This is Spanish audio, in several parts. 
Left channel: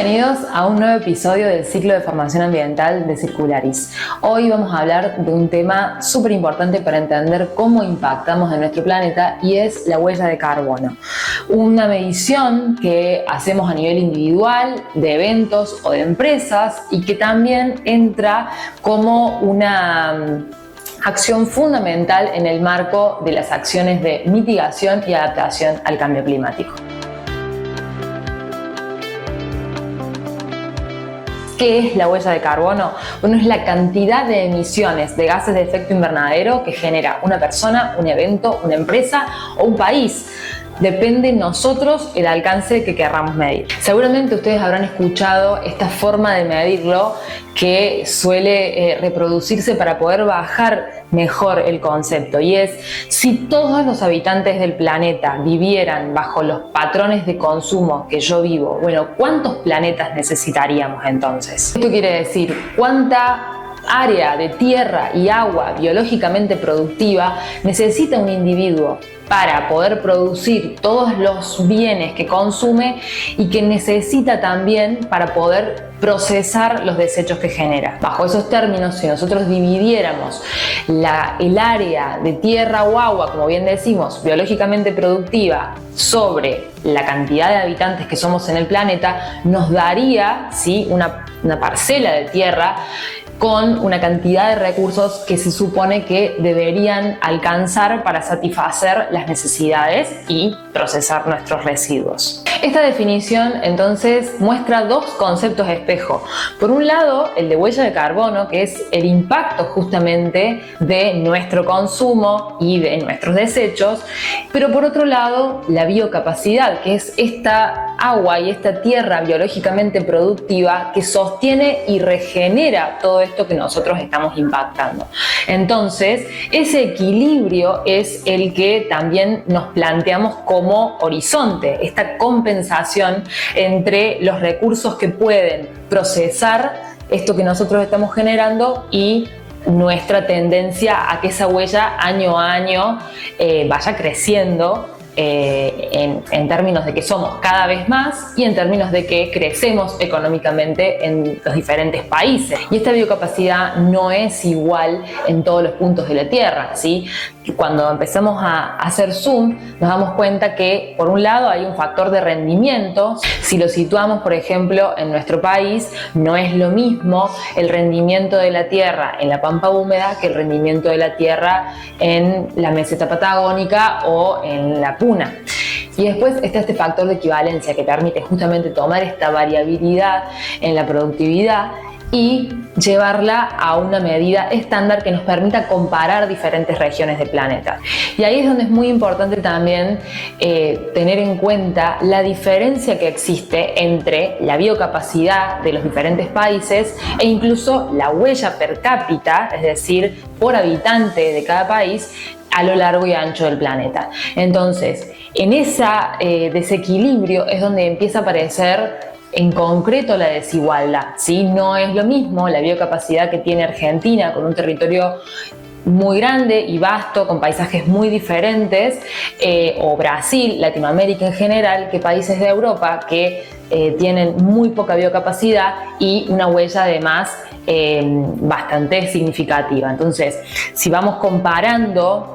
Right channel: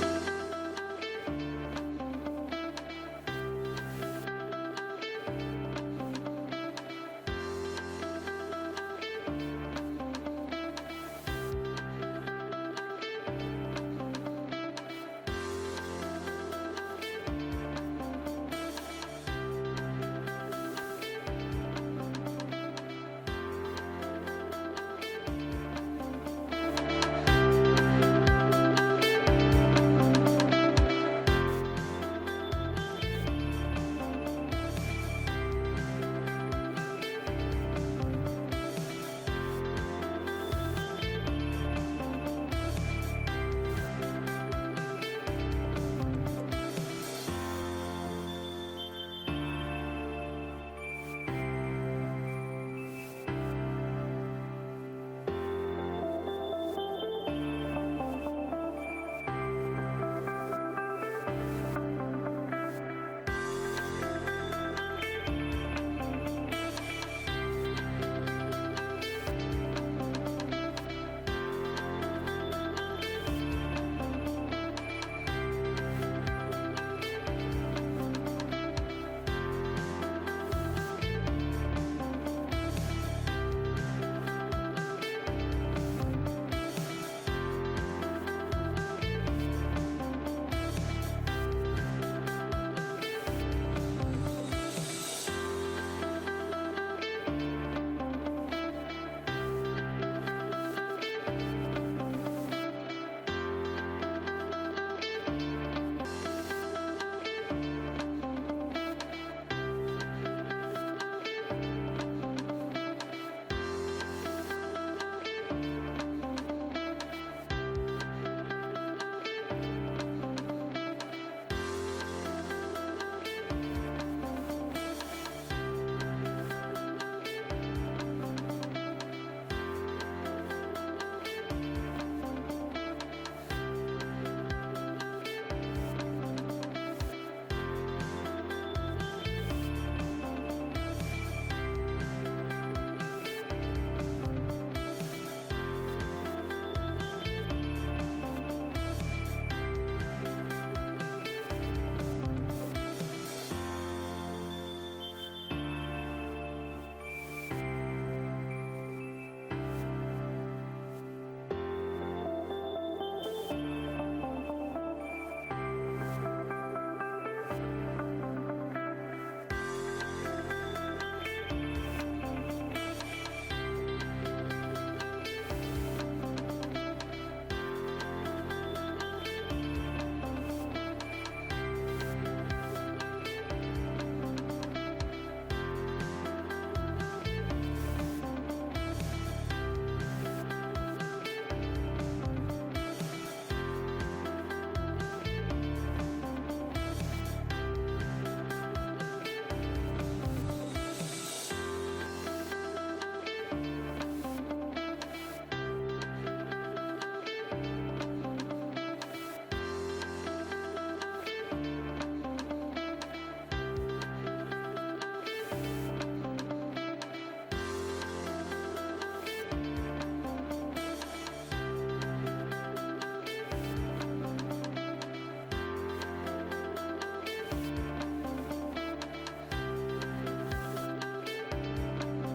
Bienvenidos a un nuevo episodio del ciclo de formación ambiental de Circularis. Hoy vamos a hablar de un tema súper importante para entender cómo impactamos en nuestro planeta y es la huella de carbono. Una medición que hacemos a nivel individual, de eventos o de empresas y que también entra como una acción fundamental en el marco de las acciones de mitigación y adaptación al cambio climático. ¿Qué es la huella de carbono? Bueno, es la cantidad de emisiones de gases de efecto invernadero que genera una persona, un evento, una empresa o un país. Depende de nosotros el alcance que querramos medir. Seguramente ustedes habrán escuchado esta forma de medirlo que suele reproducirse para poder bajar mejor el concepto, y es: si todos los habitantes del planeta vivieran bajo los patrones de consumo que yo vivo, bueno, ¿cuántos planetas necesitaríamos entonces? Esto quiere decir cuánta área de tierra y agua biológicamente productiva necesita un individuo para poder producir todos los bienes que consume y que necesita también para poder procesar los desechos que genera. Bajo esos términos, si nosotros dividiéramos el área de tierra o agua, como bien decimos, biológicamente productiva sobre la cantidad de habitantes que somos en el planeta, nos daría, ¿sí?, una parcela de tierra con una cantidad de recursos que se supone que deberían alcanzar para satisfacer las necesidades y procesar nuestros residuos. Esta definición entonces muestra dos conceptos espejo. Por un lado, el de huella de carbono, que es el impacto justamente de nuestro consumo y de nuestros desechos, pero por otro lado, la biocapacidad, que es esta agua y esta tierra biológicamente productiva que sostiene y regenera todo esto que nosotros estamos impactando. Entonces, ese equilibrio es el que también nos planteamos como horizonte, esta compensación entre los recursos que pueden procesar esto que nosotros estamos generando y nuestra tendencia a que esa huella año a año vaya creciendo en términos de que somos cada vez más y en términos de que crecemos económicamente en los diferentes países. Y esta biocapacidad no es igual en todos los puntos de la Tierra, ¿sí? Cuando empezamos a hacer zoom, nos damos cuenta que, por un lado, hay un factor de rendimiento. Si lo situamos, por ejemplo, en nuestro país, no es lo mismo el rendimiento de la tierra en la pampa húmeda que el rendimiento de la tierra en la meseta patagónica o en la puna. Y después está este factor de equivalencia que permite justamente tomar esta variabilidad en la productividad y llevarla a una medida estándar que nos permita comparar diferentes regiones del planeta. Y ahí es donde es muy importante también tener en cuenta la diferencia que existe entre la biocapacidad de los diferentes países e incluso la huella per cápita, es decir, por habitante de cada país, a lo largo y ancho del planeta. Entonces, en ese desequilibrio es donde empieza a aparecer en concreto la desigualdad, ¿sí? No es lo mismo la biocapacidad que tiene Argentina, con un territorio muy grande y vasto, con paisajes muy diferentes, o Brasil, Latinoamérica en general, que países de Europa que tienen muy poca biocapacidad y una huella además bastante significativa. Entonces, si vamos comparando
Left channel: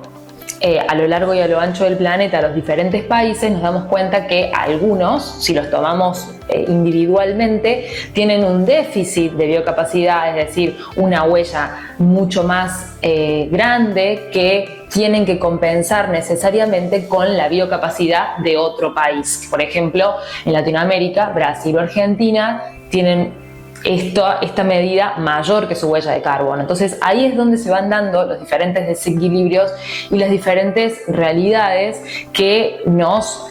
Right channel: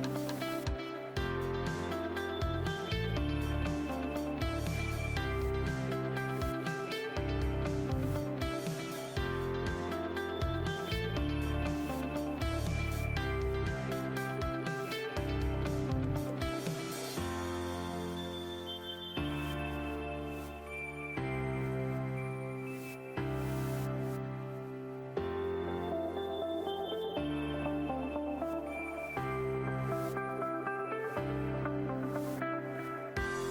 a lo largo y a lo ancho del planeta los diferentes países, nos damos cuenta que algunos, si los tomamos individualmente, tienen un déficit de biocapacidad, es decir, una huella mucho más grande que tienen que compensar necesariamente con la biocapacidad de otro país. Por ejemplo, en Latinoamérica, Brasil o Argentina tienen esta medida mayor que su huella de carbono. Entonces ahí es donde se van dando los diferentes desequilibrios y las diferentes realidades que nos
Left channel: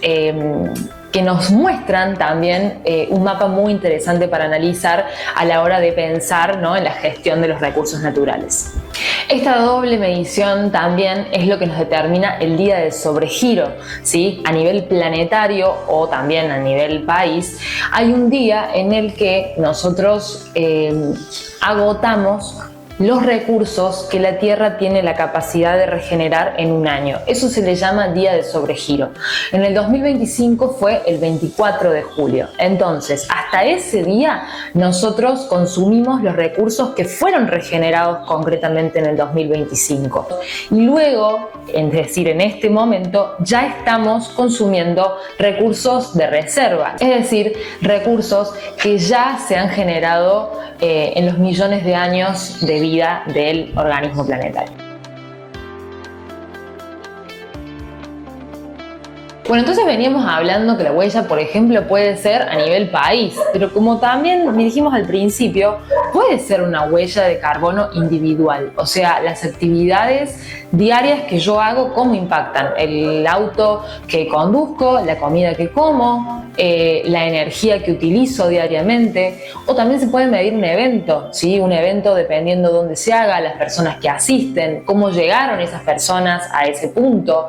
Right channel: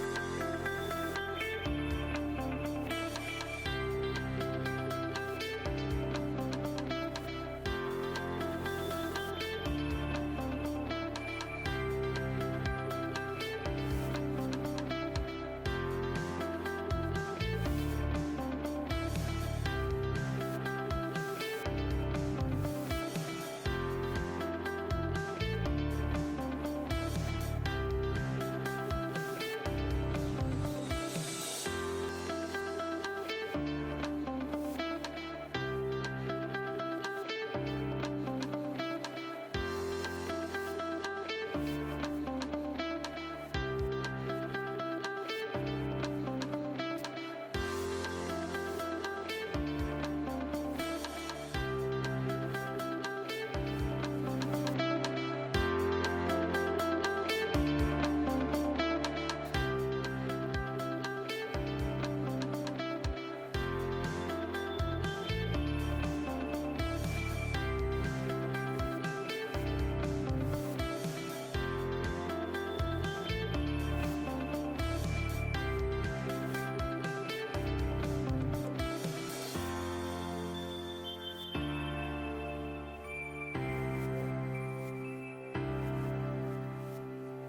muestran también un mapa muy interesante para analizar a la hora de pensar, ¿no?, en la gestión de los recursos naturales. Esta doble medición también es lo que nos determina el día de sobregiro, ¿sí? A nivel planetario o también a nivel país, hay un día en el que nosotros agotamos los recursos que la Tierra tiene la capacidad de regenerar en un año. Eso se le llama día de sobregiro. En el 2025 fue el 24 de julio. Entonces, hasta ese día nosotros consumimos los recursos que fueron regenerados concretamente en el 2025. Y luego, es decir, en este momento, ya estamos consumiendo recursos de reserva, es decir, recursos que ya se han generado en los millones de años de vida del organismo planetario. Bueno, entonces veníamos hablando que la huella, por ejemplo, puede ser a nivel país, pero como también dijimos al principio, puede ser una huella de carbono individual, o sea, las actividades diarias que yo hago, cómo impactan el auto que conduzco, la comida que como, la energía que utilizo diariamente, o también se puede medir un evento, ¿sí? Un evento dependiendo de dónde se haga, las personas que asisten, cómo llegaron esas personas a ese punto,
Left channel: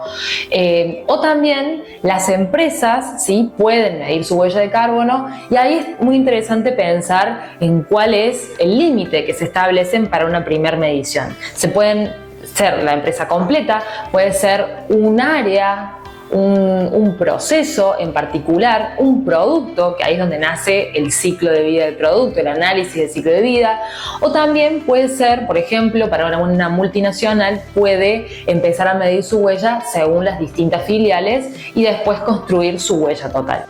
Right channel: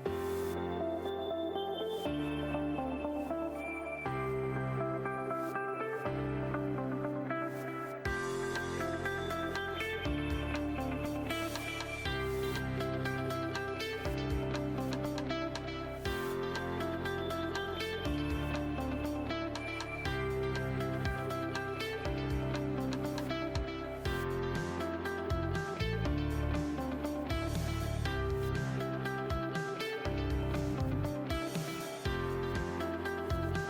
o también las empresas, ¿sí? Pueden medir su huella de carbono, y ahí es muy interesante pensar en cuál es el límite que se establecen para una primera medición. Se pueden ser la empresa completa, puede ser un área, un proceso en particular, un producto, que ahí es donde nace el ciclo de vida del producto, el análisis del ciclo de vida, o también puede ser, por ejemplo, para una multinacional puede empezar a medir su huella según las distintas filiales y después construir su huella total.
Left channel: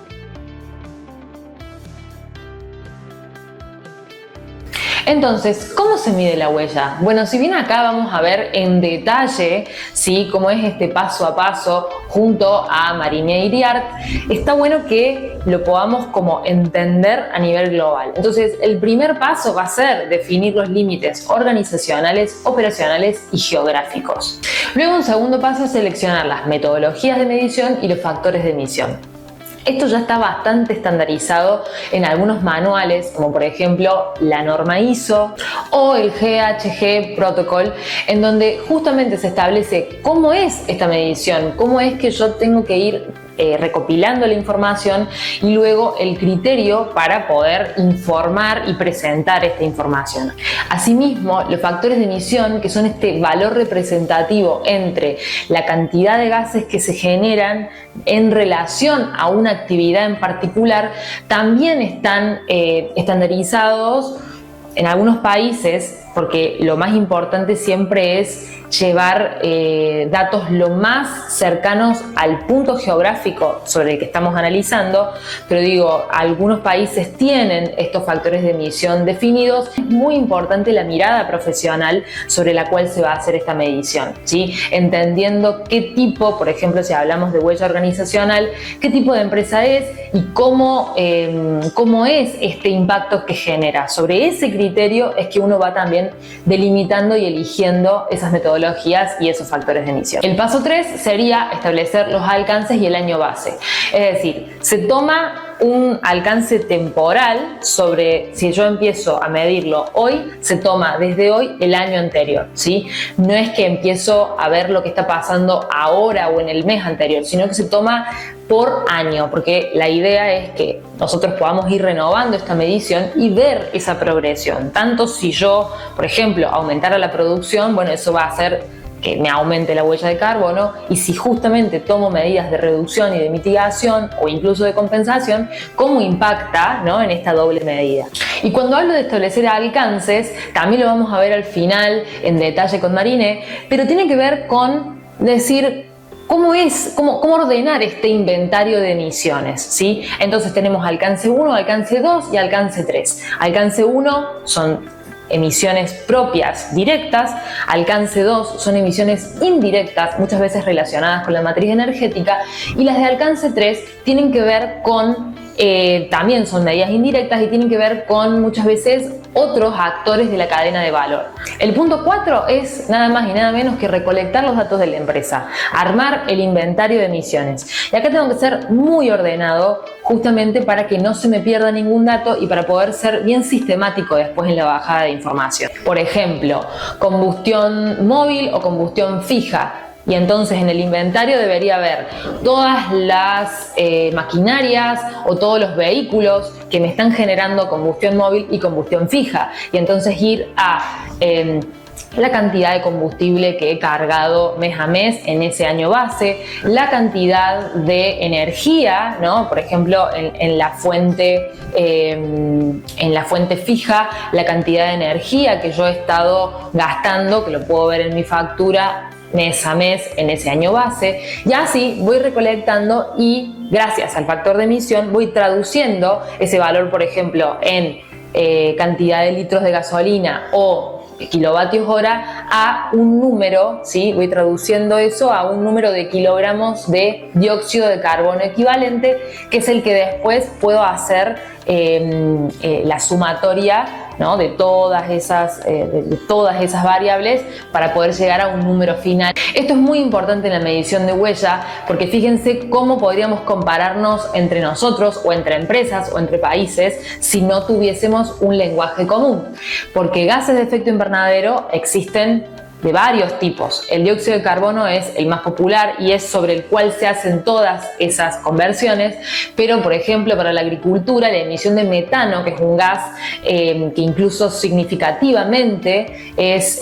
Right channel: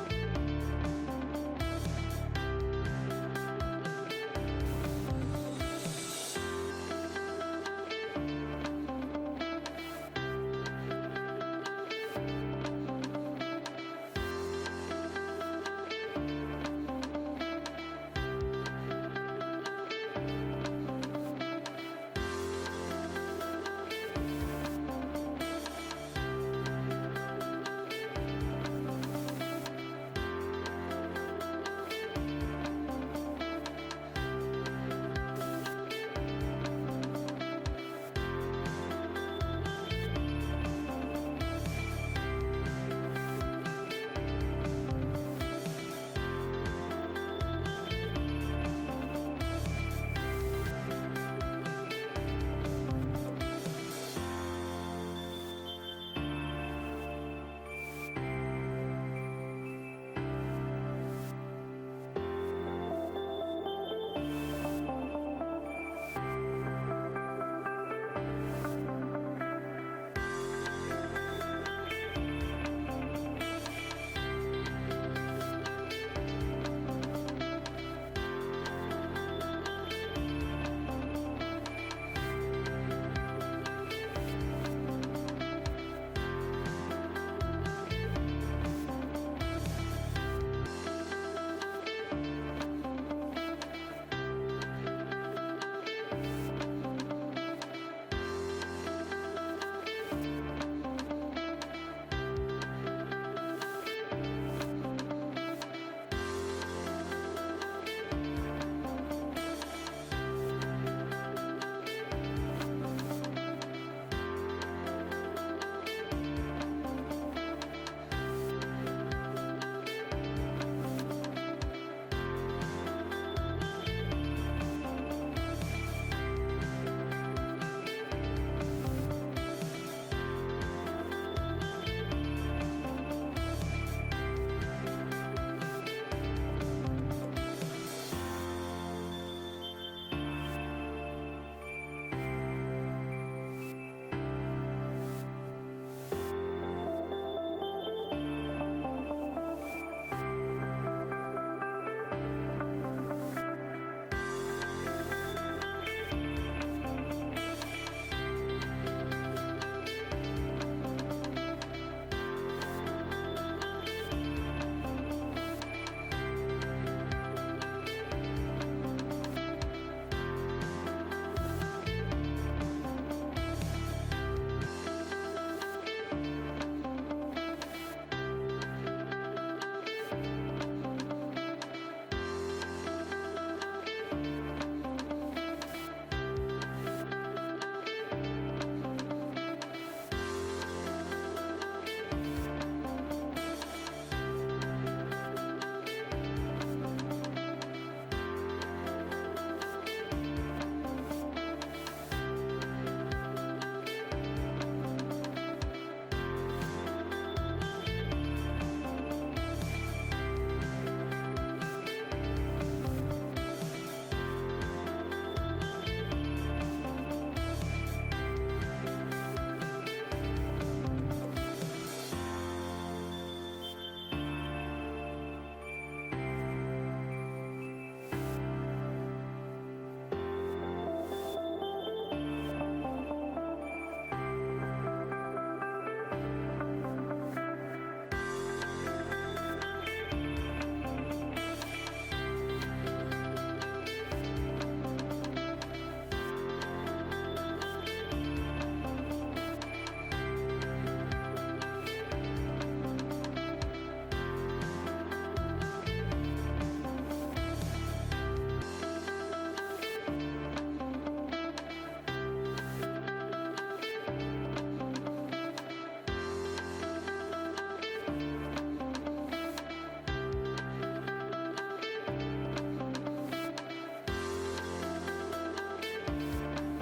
Entonces, ¿cómo se mide la huella? Bueno, si bien acá vamos a ver en detalle, ¿sí?, cómo es este paso a paso junto a Mariné Iriart, está bueno que lo podamos como entender a nivel global. Entonces, el primer paso va a ser definir los límites organizacionales, operacionales y geográficos. Luego, un segundo paso es seleccionar las metodologías de medición y los factores de emisión. Esto ya está bastante estandarizado en algunos manuales, como por ejemplo la norma ISO o el GHG Protocol, en donde justamente se establece cómo es esta medición, cómo es que yo tengo que ir recopilando la información y luego el criterio para poder informar y presentar esta información. Asimismo, los factores de emisión, que son este valor representativo entre la cantidad de gases que se generan en relación a una actividad en particular, también están estandarizados en algunos países, porque lo más importante siempre es llevar datos lo más cercanos al punto geográfico sobre el que estamos analizando, pero digo, algunos países tienen estos factores de emisión definidos. Es muy importante la mirada profesional sobre la cual se va a hacer esta medición, ¿sí? Entendiendo qué tipo, por ejemplo, si hablamos de huella organizacional, qué tipo de empresa es y cómo es este impacto que genera. Sobre ese criterio es que uno va también delimitando y eligiendo esas metodologías y esos factores de emisión. El paso 3 sería establecer los alcances y el año base. Es decir, se toma un alcance temporal sobre, si yo empiezo a medirlo hoy, se toma desde hoy el año anterior, ¿sí? No es que empiezo a ver lo que está pasando ahora o en el mes anterior, sino que se toma por año, porque la idea es que nosotros podamos ir renovando esta medición y ver esa progresión. Tanto si yo, por ejemplo, aumentara la producción, bueno, eso va a hacer que me aumente la huella de carbono, y si justamente tomo medidas de reducción y de mitigación o incluso de compensación, cómo impacta, ¿no?, en esta doble medida. Y cuando hablo de establecer alcances, también lo vamos a ver al final en detalle con Mariné, pero tiene que ver con decir cómo ordenar este inventario de emisiones, ¿sí? Entonces tenemos alcance 1, alcance 2 y alcance 3. Alcance 1 son emisiones propias directas, alcance 2 son emisiones indirectas, muchas veces relacionadas con la matriz energética, y las de alcance 3 tienen que ver con, también son medidas indirectas y tienen que ver con muchas veces otros actores de la cadena de valor. El punto 4 es nada más y nada menos que recolectar los datos de la empresa, armar el inventario de emisiones. Y acá tengo que ser muy ordenado justamente para que no se me pierda ningún dato y para poder ser bien sistemático después en la bajada de información. Por ejemplo, combustión móvil o combustión fija. Y entonces en el inventario debería haber todas las maquinarias o todos los vehículos que me están generando combustión móvil y combustión fija. Y entonces ir a la cantidad de combustible que he cargado mes a mes en ese año base, la cantidad de energía, ¿no? Por ejemplo, en la fuente fija, la cantidad de energía que yo he estado gastando, que lo puedo ver en mi factura mes a mes en ese año base, y así voy recolectando y gracias al factor de emisión voy traduciendo ese valor, por ejemplo, en cantidad de litros de gasolina o kilovatios hora a un número, ¿sí? Voy traduciendo eso a un número de kilogramos de dióxido de carbono equivalente, que es el que después puedo hacer la sumatoria, ¿no? de todas esas variables para poder llegar a un número final. Esto es muy importante en la medición de huella, porque fíjense cómo podríamos compararnos entre nosotros o entre empresas o entre países si no tuviésemos un lenguaje común, porque gases de efecto invernadero existen de varios tipos. El dióxido de carbono es el más popular y es sobre el cual se hacen todas esas conversiones, pero por ejemplo para la agricultura la emisión de metano, que es un gas que incluso significativamente es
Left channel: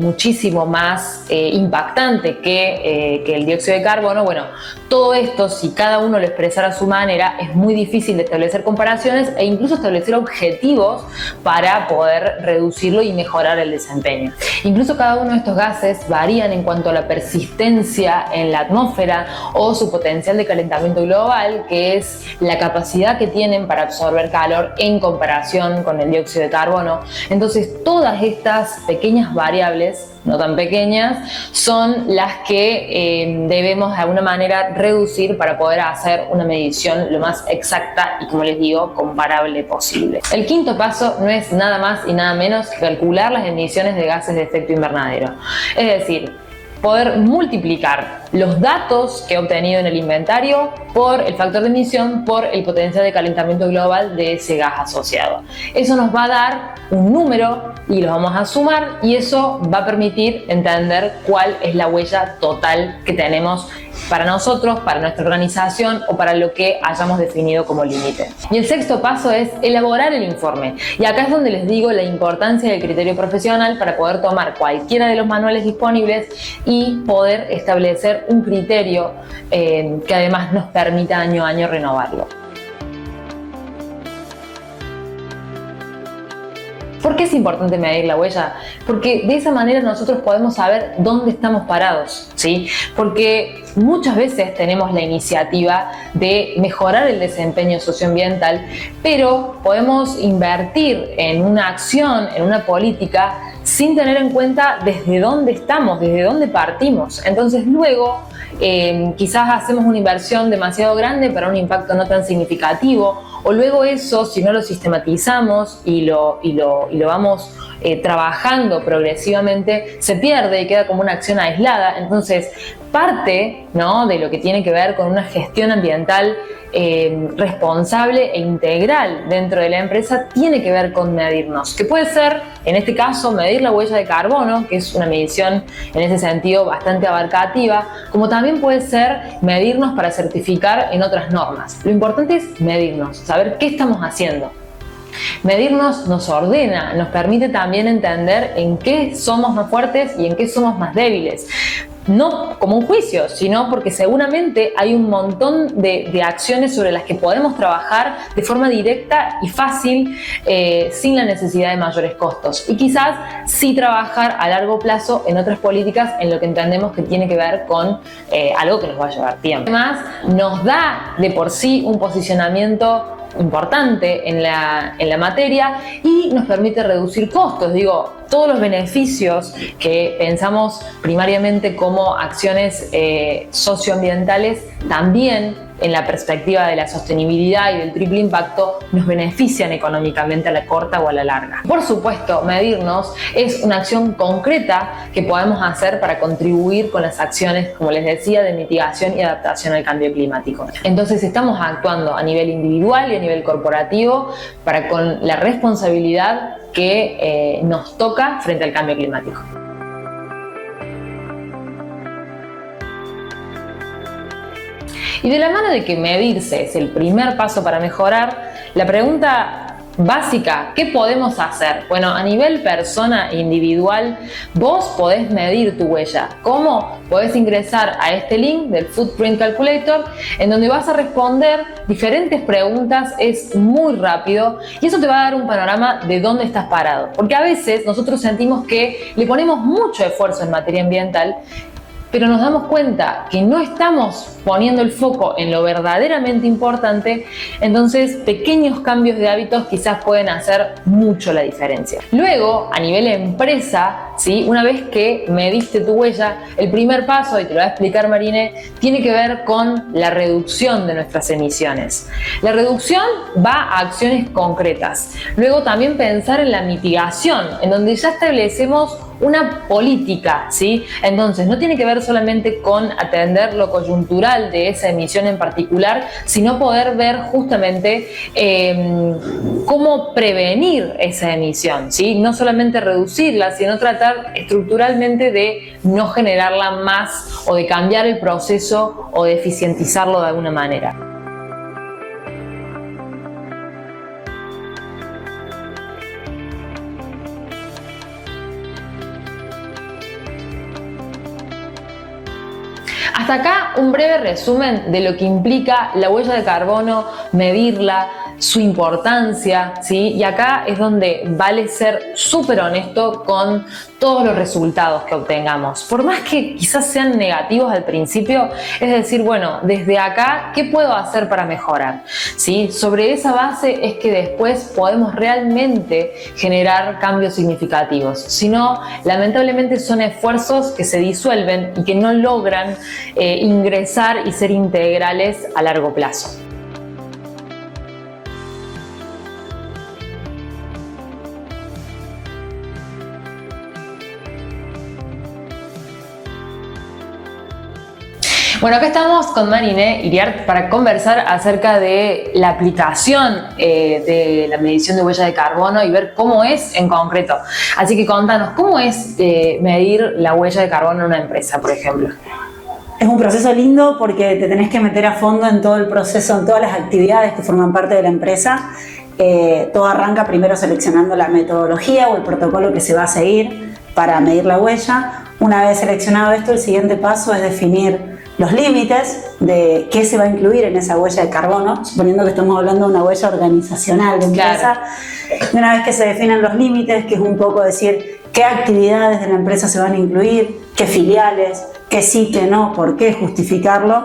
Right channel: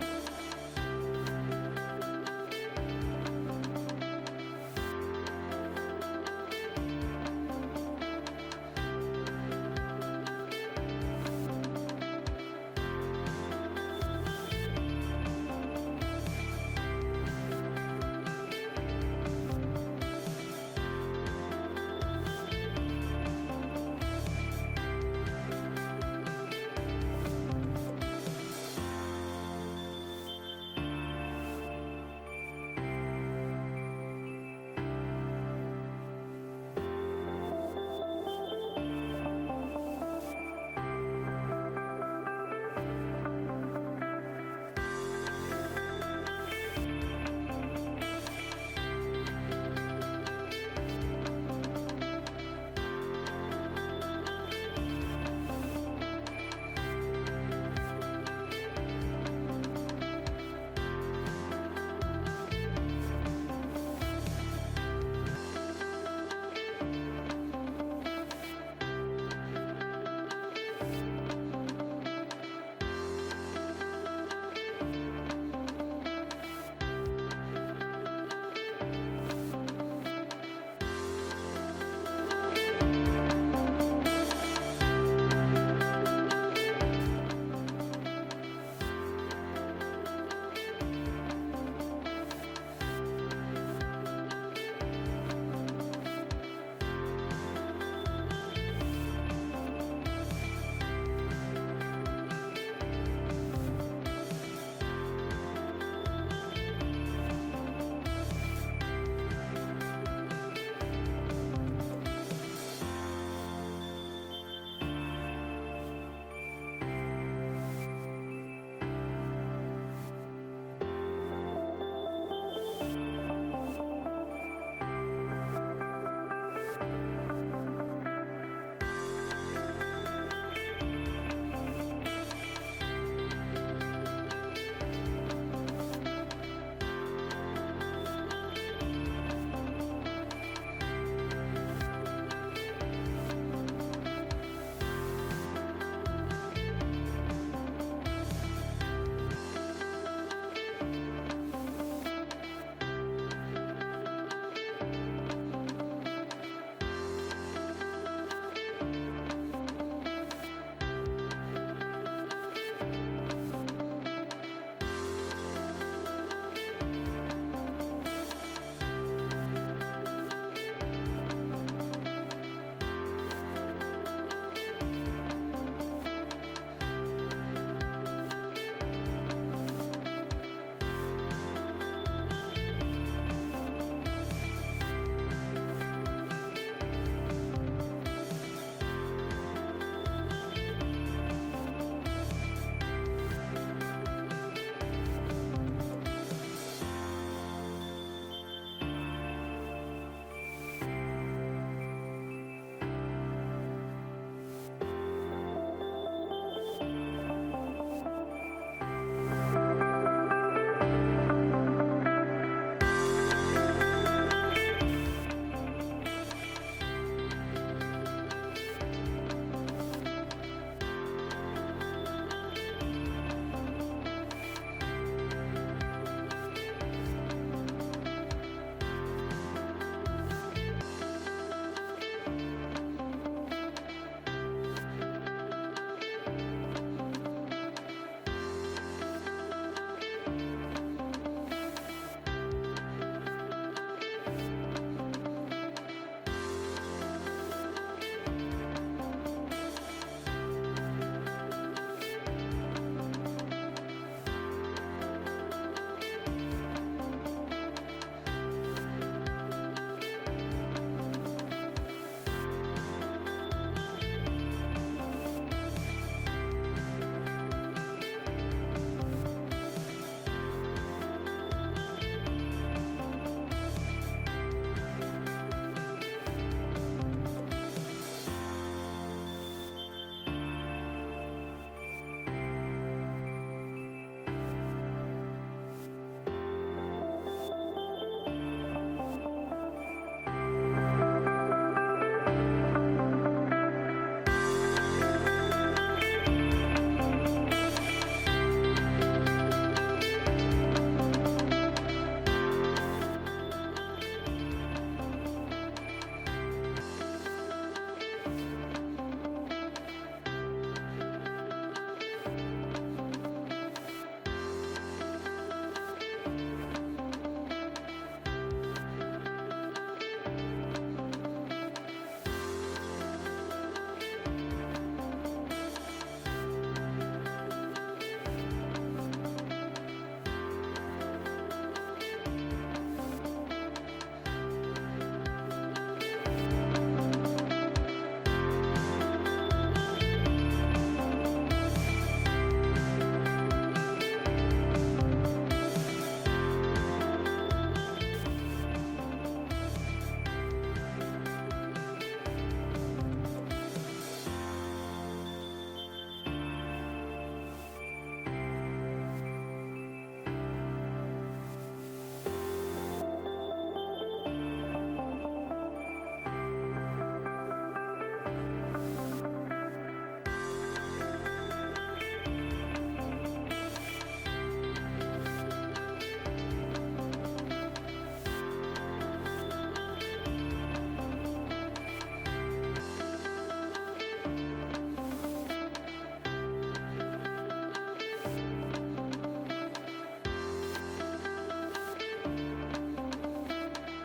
muchísimo más impactante que el dióxido de carbono. Bueno, todo esto, si cada uno lo expresara a su manera, es muy difícil de establecer comparaciones e incluso establecer objetivos para poder reducirlo y mejorar el desempeño. Incluso cada uno de estos gases varían en cuanto a la persistencia en la atmósfera o su potencial de calentamiento global, que es la capacidad que tienen para absorber calor en comparación con el dióxido de carbono. Entonces, todas estas pequeñas variables, no tan pequeñas, son las que debemos de alguna manera reducir para poder hacer una medición lo más exacta y, como les digo, comparable posible. El quinto paso no es nada más y nada menos que calcular las emisiones de gases de efecto invernadero. Es decir, poder multiplicar los datos que he obtenido en el inventario por el factor de emisión por el potencial de calentamiento global de ese gas asociado. Eso nos va a dar un número y lo vamos a sumar, y eso va a permitir entender cuál es la huella total que tenemos para nosotros, para nuestra organización o para lo que hayamos definido como límite. Y el sexto paso es elaborar el informe. Y acá es donde les digo la importancia del criterio profesional para poder tomar cualquiera de los manuales disponibles y poder establecer un criterio que además nos permita año a año renovarlo. ¿Por qué es importante medir la huella? Porque de esa manera nosotros podemos saber dónde estamos parados, ¿sí? Porque muchas veces tenemos la iniciativa de mejorar el desempeño socioambiental, pero podemos invertir en una acción, en una política, sin tener en cuenta desde dónde estamos, desde dónde partimos. Entonces luego quizás hacemos una inversión demasiado grande para un impacto no tan significativo, o luego eso, si no lo sistematizamos y lo vamos trabajando progresivamente, se pierde y queda como una acción aislada. Entonces, parte, ¿no?, de lo que tiene que ver con una gestión ambiental responsable e integral dentro de la empresa tiene que ver con medirnos, que puede ser, en este caso, medir la huella de carbono, que es una medición en ese sentido bastante abarcativa, como también puede ser medirnos para certificar en otras normas. Lo importante es medirnos, saber qué estamos haciendo. Medirnos nos ordena, nos permite también entender en qué somos más fuertes y en qué somos más débiles. No como un juicio, sino porque seguramente hay un montón de acciones sobre las que podemos trabajar de forma directa y fácil, sin la necesidad de mayores costos. Y quizás sí trabajar a largo plazo en otras políticas en lo que entendemos que tiene que ver con algo que nos va a llevar tiempo. Además, nos da de por sí un posicionamiento importante en la materia y nos permite reducir costos. Digo, todos los beneficios que pensamos primariamente como acciones socioambientales, también en la perspectiva de la sostenibilidad y del triple impacto, nos benefician económicamente a la corta o a la larga. Por supuesto, medirnos es una acción concreta que podemos hacer para contribuir con las acciones, como les decía, de mitigación y adaptación al cambio climático. Entonces estamos actuando a nivel individual y a nivel corporativo para con la responsabilidad que nos toca frente al cambio climático. Y de la mano de que medirse es el primer paso para mejorar, la pregunta básica, ¿qué podemos hacer? Bueno, a nivel persona individual, vos podés medir tu huella. ¿Cómo? Podés ingresar a este link del Footprint Calculator, en donde vas a responder diferentes preguntas. Es muy rápido y eso te va a dar un panorama de dónde estás parado. Porque a veces nosotros sentimos que le ponemos mucho esfuerzo en materia ambiental, pero nos damos cuenta que no estamos poniendo el foco en lo verdaderamente importante, entonces pequeños cambios de hábitos quizás pueden hacer mucho la diferencia. Luego, a nivel empresa, ¿sí? Una vez que mediste tu huella, el primer paso, y te lo va a explicar Marine, tiene que ver con la reducción de nuestras emisiones. La reducción va a acciones concretas. Luego también pensar en la mitigación, en donde ya establecemos una política, ¿sí? Entonces, no tiene que ver solamente con atender lo coyuntural de esa emisión en particular, sino poder ver justamente cómo prevenir esa emisión, ¿sí? No solamente reducirla, sino tratar estructuralmente de no generarla más o de cambiar el proceso o de eficientizarlo de alguna manera. Hasta acá un breve resumen de lo que implica la huella de carbono, medirla, su importancia, ¿sí? Y acá es donde vale ser súper honesto con todos los resultados que obtengamos. Por más que quizás sean negativos al principio, es decir, bueno, desde acá, ¿qué puedo hacer para mejorar? ¿Sí? Sobre esa base es que después podemos realmente generar cambios significativos. Si no, lamentablemente son esfuerzos que se disuelven y que no logran ingresar y ser integrales a largo plazo. Bueno, acá estamos con Marine Iriart para conversar acerca de la aplicación de la medición de huella de carbono y ver cómo es en concreto. Así que contanos, ¿cómo es medir la huella de carbono en una empresa, por ejemplo? Es un proceso lindo porque te tenés que meter a fondo en todo el proceso, en todas las actividades que forman parte de la empresa. Todo arranca primero seleccionando la metodología o el protocolo que se va a seguir para medir la huella. Una vez seleccionado esto, el siguiente paso es definir los límites de qué se va a incluir en esa huella de carbono, suponiendo que estamos hablando de una huella organizacional de empresa. Claro. Una vez que se definen los límites, que es un poco decir qué actividades de la empresa se van a incluir, qué filiales, qué sí, qué no, por qué, justificarlo.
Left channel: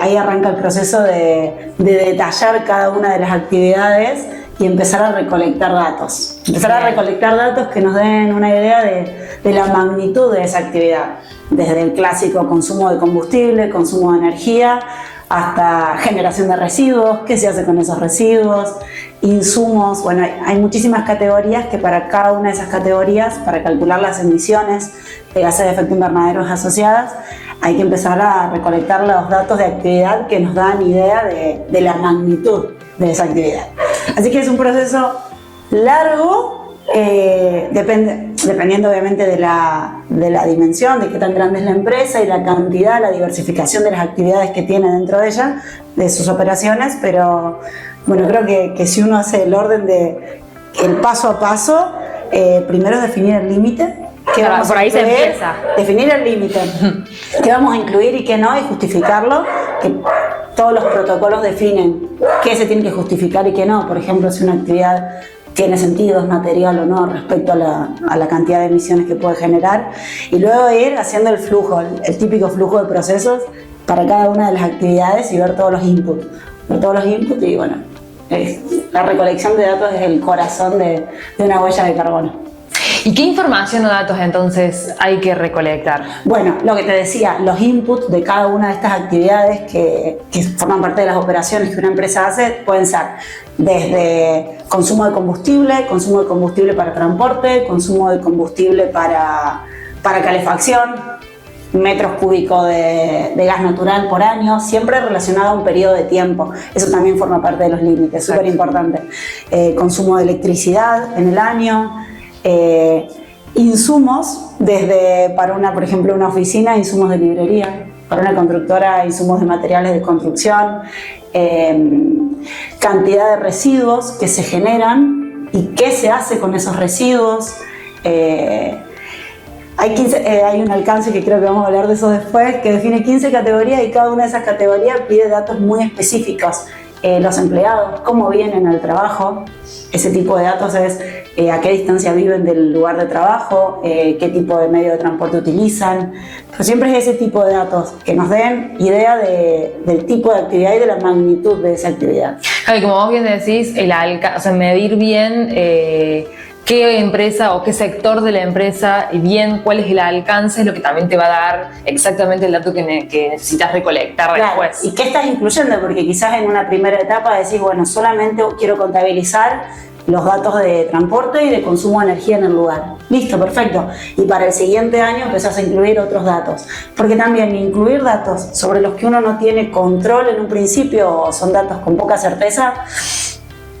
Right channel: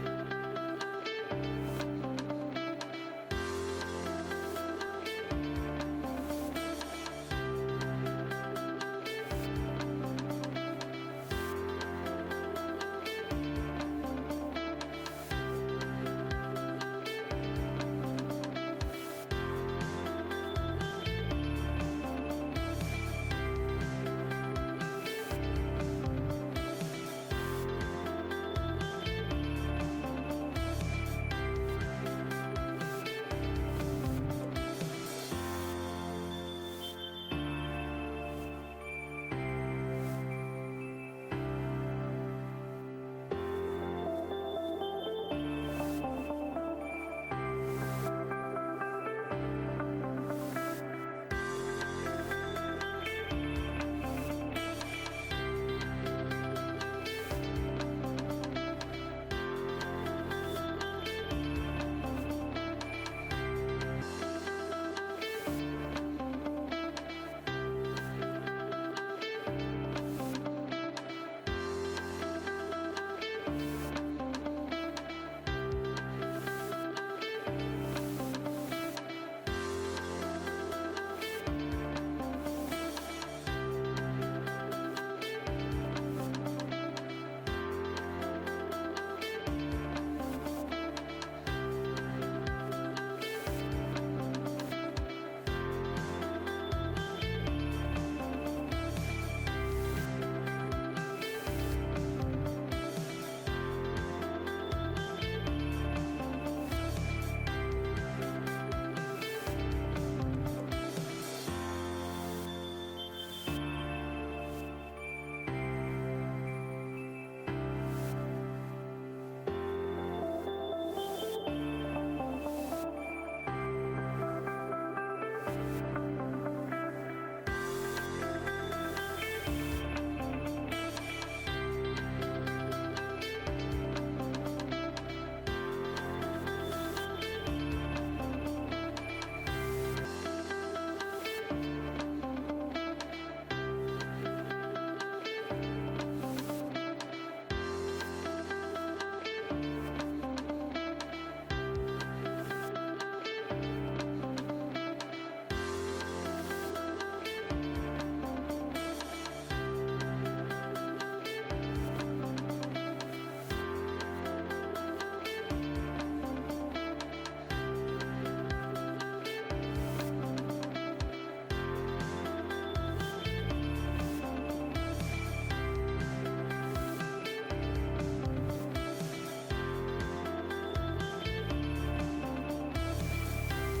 Ahí arranca el proceso de detallar cada una de las actividades y empezar a recolectar datos. Empezar a recolectar datos que nos den una idea de la magnitud de esa actividad. Desde el clásico consumo de combustible, consumo de energía, hasta generación de residuos, qué se hace con esos residuos, insumos. Bueno, hay muchísimas categorías que para cada una de esas categorías, para calcular las emisiones de gases de efecto invernadero asociadas, hay que empezar a recolectar los datos de actividad que nos dan idea de la magnitud de esa actividad. Así que es un proceso largo, dependiendo obviamente de la dimensión, de qué tan grande es la empresa y la cantidad, la diversificación de las actividades que tiene dentro de ella, de sus operaciones, pero bueno, creo que si uno hace el orden de el paso a paso, primero es definir el límite. Por ahí se empieza. Definir el límite, qué vamos a incluir y qué no, y justificarlo, que todos los protocolos definen qué se tiene que justificar y qué no. Por ejemplo, si una actividad tiene sentido, es material o no respecto a la cantidad de emisiones que puede generar, y luego ir haciendo el flujo, el típico flujo de procesos para cada una de las actividades y ver todos los inputs. Y bueno, la recolección de datos es el corazón de una huella de carbono. ¿Y qué información o datos entonces hay que recolectar? Bueno, lo que te decía, los inputs de cada una de estas actividades que forman parte de las operaciones que una empresa hace pueden ser desde consumo de combustible para transporte, consumo de combustible para calefacción, metros cúbicos de gas natural por año, siempre relacionado a un periodo de tiempo. Eso también forma parte de los límites, súper importante. Consumo de electricidad en el año. Insumos, desde para por ejemplo una oficina, insumos de librería, para una constructora, insumos de materiales de construcción, cantidad de residuos que se generan y qué se hace con esos residuos. Hay un alcance que creo que vamos a hablar de eso después, que define 15 categorías y cada una de esas categorías pide datos muy específicos. Los empleados, cómo vienen al trabajo, ese tipo de datos es a qué distancia viven del lugar de trabajo, qué tipo de medio de transporte utilizan. Pero siempre es ese tipo de datos que nos den idea del tipo de actividad y de la magnitud de esa actividad. Claro, y como vos bien decís, medir bien qué empresa o qué sector de la empresa y bien cuál es el alcance es lo que también te va a dar exactamente el dato que necesitas recolectar después. ¿Y qué estás incluyendo? Porque quizás en una primera etapa decís, bueno, solamente quiero contabilizar los datos de transporte y de consumo de energía en el lugar. Listo, perfecto. Y para el siguiente año empezás a incluir otros datos. Porque también incluir datos sobre los que uno no tiene control en un principio o son datos con poca certeza,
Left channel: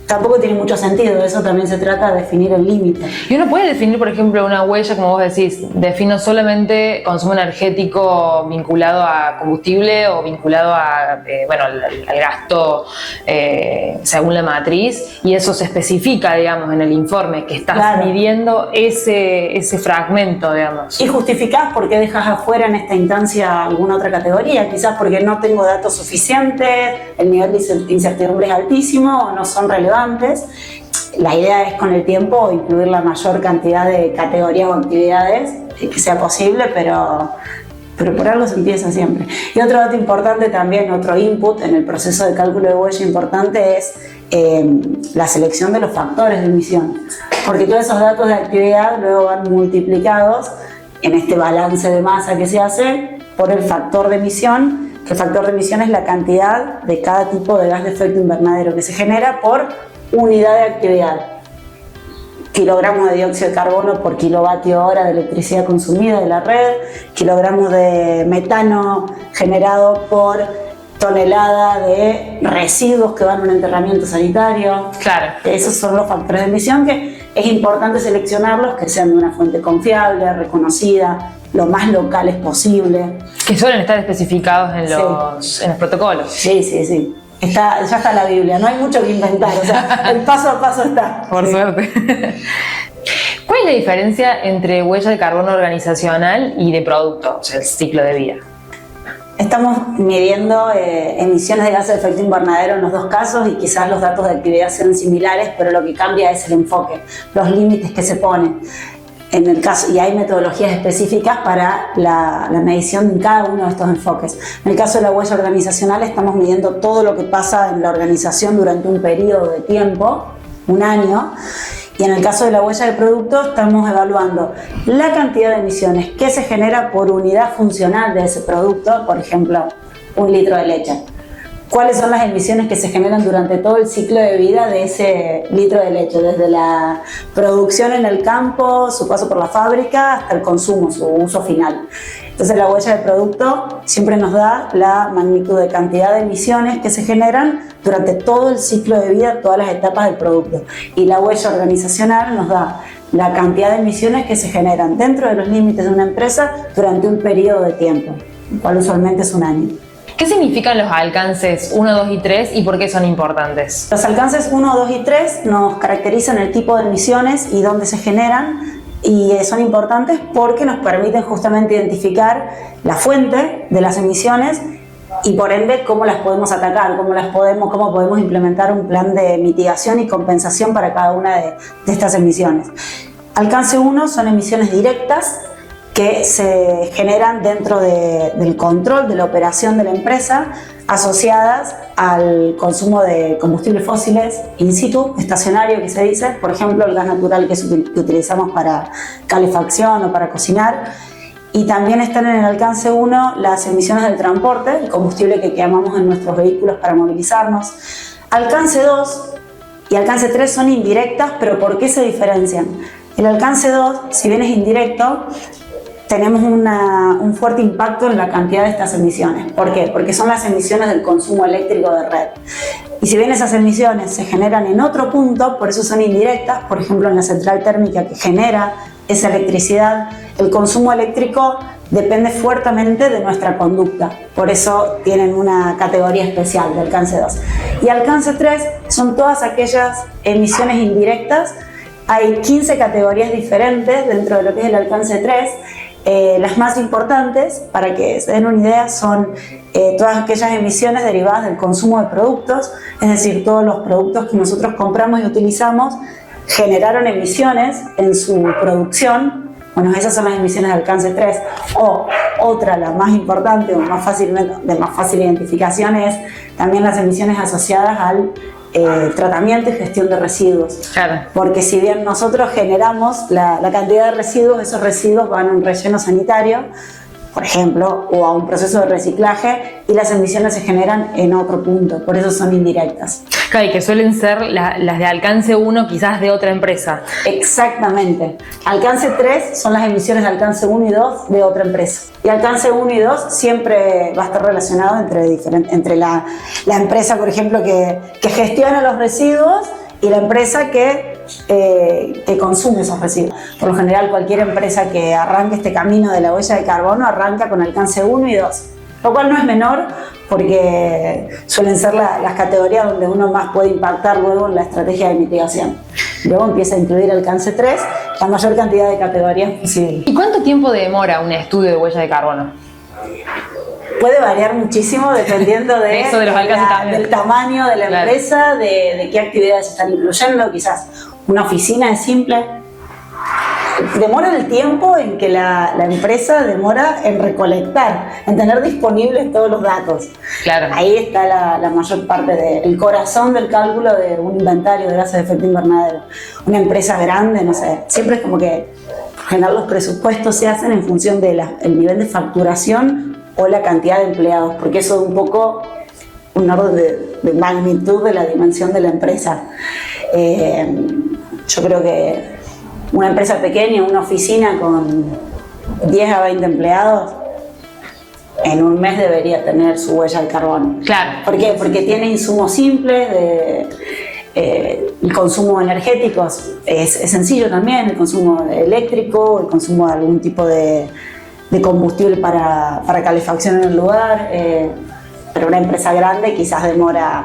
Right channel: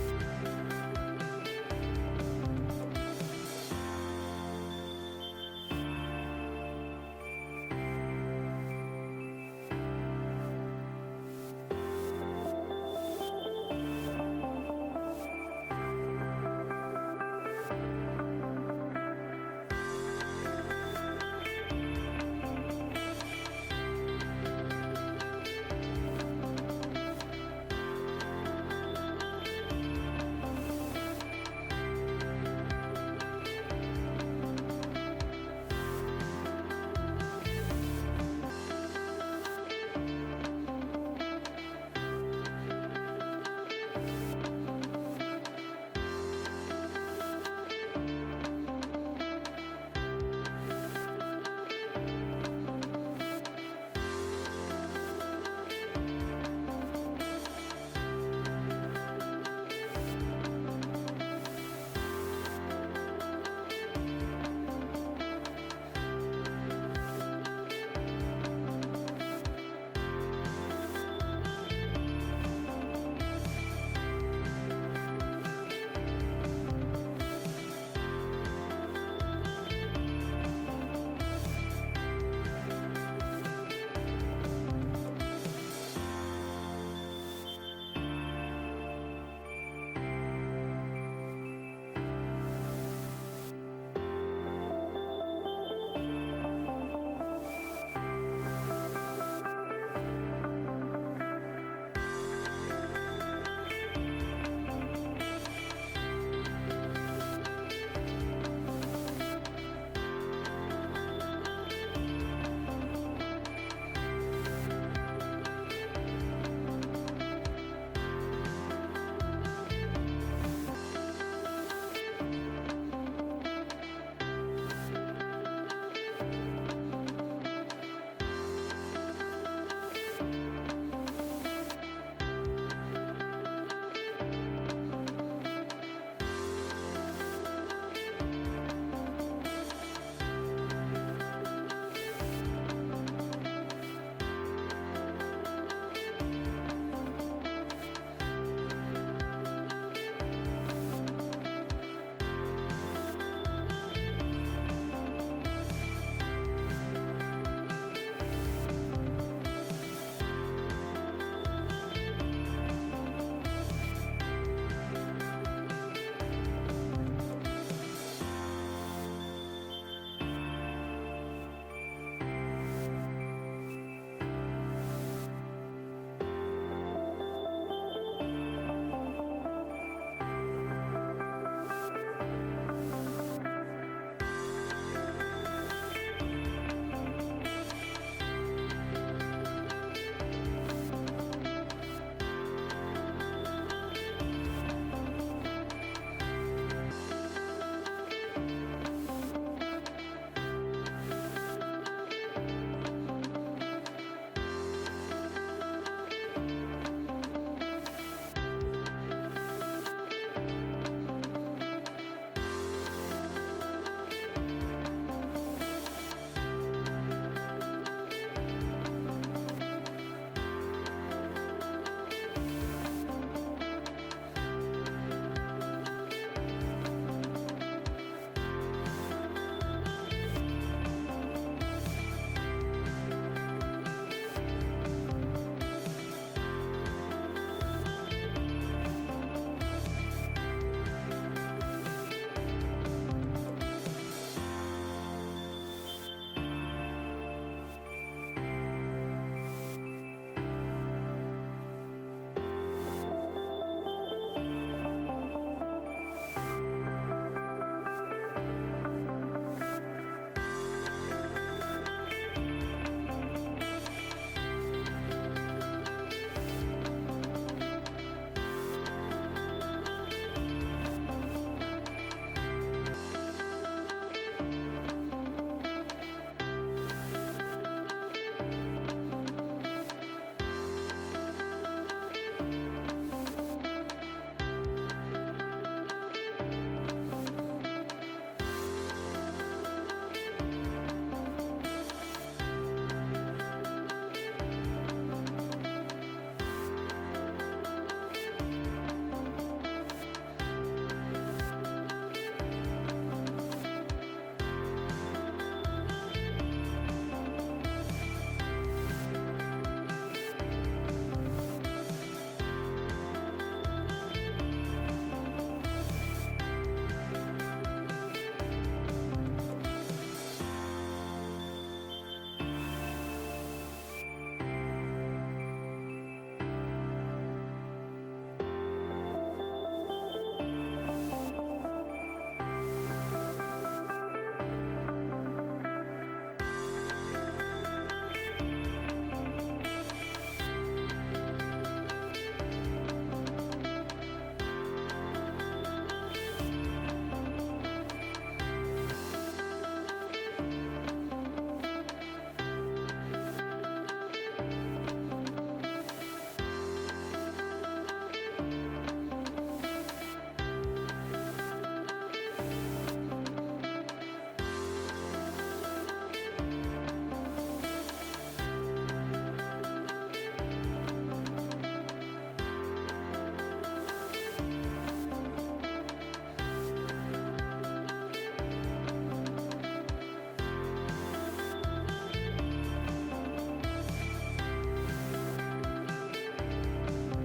tampoco tiene mucho sentido. Eso también se trata de definir el límite. Y uno puede definir, por ejemplo, una huella, como vos decís, defino solamente consumo energético vinculado a combustible o vinculado a, al gasto según la matriz, y eso se especifica, digamos, en el informe, que estás midiendo ese fragmento, digamos. Y justificás por qué dejas afuera en esta instancia alguna otra categoría, quizás porque no tengo datos suficientes, el nivel de incertidumbre es altísimo o no son relevantes. La idea es con el tiempo incluir la mayor cantidad de categorías o actividades que sea posible, pero por algo se empieza siempre. Y otro dato importante también, otro input en el proceso de cálculo de huella importante es la selección de los factores de emisión, porque todos esos datos de actividad luego van multiplicados en este balance de masa que se hace por el factor de emisión. El factor de emisión es la cantidad de cada tipo de gas de efecto invernadero que se genera por unidad de actividad. Kilogramos de dióxido de carbono por kilovatio hora de electricidad consumida de la red, kilogramos de metano generado por tonelada de residuos que van a un enterramiento sanitario. Claro. Esos son los factores de emisión que es importante seleccionarlos, que sean de una fuente confiable, reconocida, lo más locales posible. Que suelen estar especificados en los protocolos. Sí. Ya está la Biblia, no hay mucho que inventar, o sea, el paso a paso está. Por suerte. ¿Cuál es la diferencia entre huella de carbono organizacional y de producto, o sea, el ciclo de vida? Estamos midiendo emisiones de gases de efecto invernadero en los dos casos y quizás los datos de actividad sean similares, pero lo que cambia es el enfoque, los límites que se ponen. En el caso, y hay metodologías específicas para la medición de cada uno de estos enfoques. En el caso de la huella organizacional estamos midiendo todo lo que pasa en la organización durante un periodo de tiempo, un año, y en el caso de la huella de producto estamos evaluando la cantidad de emisiones que se genera por unidad funcional de ese producto, por ejemplo, 1 litro de leche. ¿Cuáles son las emisiones que se generan durante todo el ciclo de vida de ese litro de leche? Desde la producción en el campo, su paso por la fábrica, hasta el consumo, su uso final. Entonces la huella de producto siempre nos da la magnitud de cantidad de emisiones que se generan durante todo el ciclo de vida, todas las etapas del producto. Y la huella organizacional nos da la cantidad de emisiones que se generan dentro de los límites de una empresa durante un periodo de tiempo, el cual usualmente es un año. ¿Qué significan los alcances 1, 2 y 3 y por qué son importantes? Los alcances 1, 2 y 3 nos caracterizan el tipo de emisiones y dónde se generan, y son importantes porque nos permiten justamente identificar la fuente de las emisiones y por ende cómo las podemos atacar, cómo podemos implementar un plan de mitigación y compensación para cada una de estas emisiones. Alcance 1 son emisiones directas que se generan dentro del control de la operación de la empresa, asociadas al consumo de combustibles fósiles in situ, estacionario que se dice, por ejemplo el gas natural que utilizamos para calefacción o para cocinar. Y también están en el alcance 1 las emisiones del transporte, el combustible que quemamos en nuestros vehículos para movilizarnos. Alcance 2 y alcance 3 son indirectas, pero ¿por qué se diferencian? El alcance 2, si bien es indirecto, tenemos un fuerte impacto en la cantidad de estas emisiones. ¿Por qué? Porque son las emisiones del consumo eléctrico de red. Y si bien esas emisiones se generan en otro punto, por eso son indirectas, por ejemplo en la central térmica que genera esa electricidad, el consumo eléctrico depende fuertemente de nuestra conducta. Por eso tienen una categoría especial de alcance 2. Y alcance 3 son todas aquellas emisiones indirectas. Hay 15 categorías diferentes dentro de lo que es el alcance 3. Las más importantes, para que se den una idea, son todas aquellas emisiones derivadas del consumo de productos, es decir, todos los productos que nosotros compramos y utilizamos generaron emisiones en su producción. Bueno, esas son las emisiones de alcance 3. O otra, la más importante o de más fácil identificación, es también las emisiones asociadas al tratamiento y gestión de residuos. Claro. Porque si bien nosotros generamos la cantidad de residuos, esos residuos van a un relleno sanitario, por ejemplo, o a un proceso de reciclaje, y las emisiones se generan en otro punto, por eso son indirectas. Claro, y que suelen ser las de alcance 1 quizás de otra empresa. Exactamente. Alcance 3 son las emisiones de alcance 1 y 2 de otra empresa. Y alcance 1 y 2 siempre va a estar relacionado entre la empresa, por ejemplo, que gestiona los residuos y la empresa que consume esos residuos. Por lo general, cualquier empresa que arranque este camino de la huella de carbono arranca con alcance 1 y 2, lo cual no es menor porque suelen ser las categorías donde uno más puede impactar luego en la estrategia de mitigación. Luego empieza a incluir alcance 3, la mayor cantidad de categorías posible. ¿Y cuánto tiempo demora un estudio de huella de carbono? Puede variar muchísimo dependiendo Eso de los alcances del tamaño de la empresa, de qué actividades se están incluyendo. Quizás una oficina es simple. Demora el tiempo en que la empresa demora en recolectar, en tener disponibles todos los datos. Claro. Ahí está la mayor parte del corazón del cálculo de un inventario de gases de efecto invernadero. Una empresa grande, no sé, siempre es como que por general los presupuestos se hacen en función del nivel de facturación o la cantidad de empleados, porque eso es un poco un orden de magnitud de la dimensión de la empresa. Yo creo que una empresa pequeña, una oficina con 10 a 20 empleados, en un mes debería tener su huella de carbono. Claro. ¿Por qué? Porque tiene insumos simples, el consumo energético es sencillo también, el consumo eléctrico, el consumo de algún tipo de combustible para calefacción en el lugar, pero una empresa grande quizás demora.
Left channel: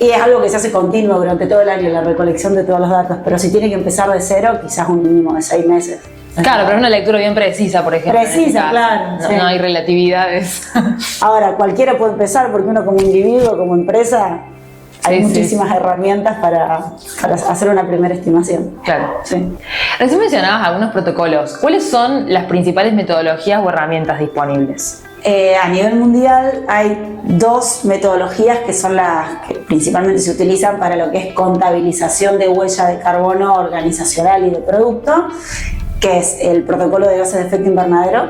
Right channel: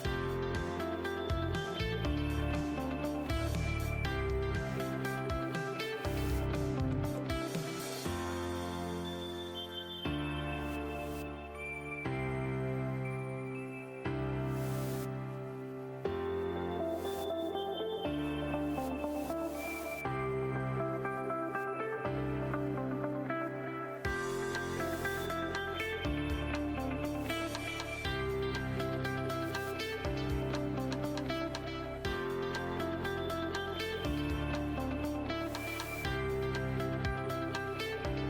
Y es algo que se hace continuo durante todo el año, la recolección de todos los datos, pero si tiene que empezar de cero, quizás un mínimo de 6 meses. Claro, pero es una lectura bien precisa, por ejemplo. Precisa, claro. No, Sí. no hay relatividades. Ahora, cualquiera puede empezar porque uno como individuo, como empresa, hay muchísimas herramientas para hacer una primera estimación. Claro. Sí. Recién mencionabas algunos protocolos. ¿Cuáles son las principales metodologías o herramientas disponibles? A nivel mundial hay 2 metodologías que son las que principalmente se utilizan para lo que es contabilización de huella de carbono organizacional y de producto, que es el protocolo de gases de efecto invernadero,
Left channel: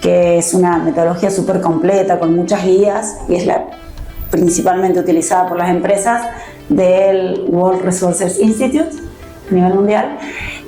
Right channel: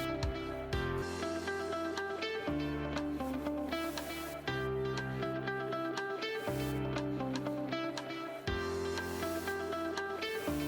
que es una metodología súper completa con muchas guías y es la principalmente utilizada por las empresas del World Resources Institute a nivel mundial.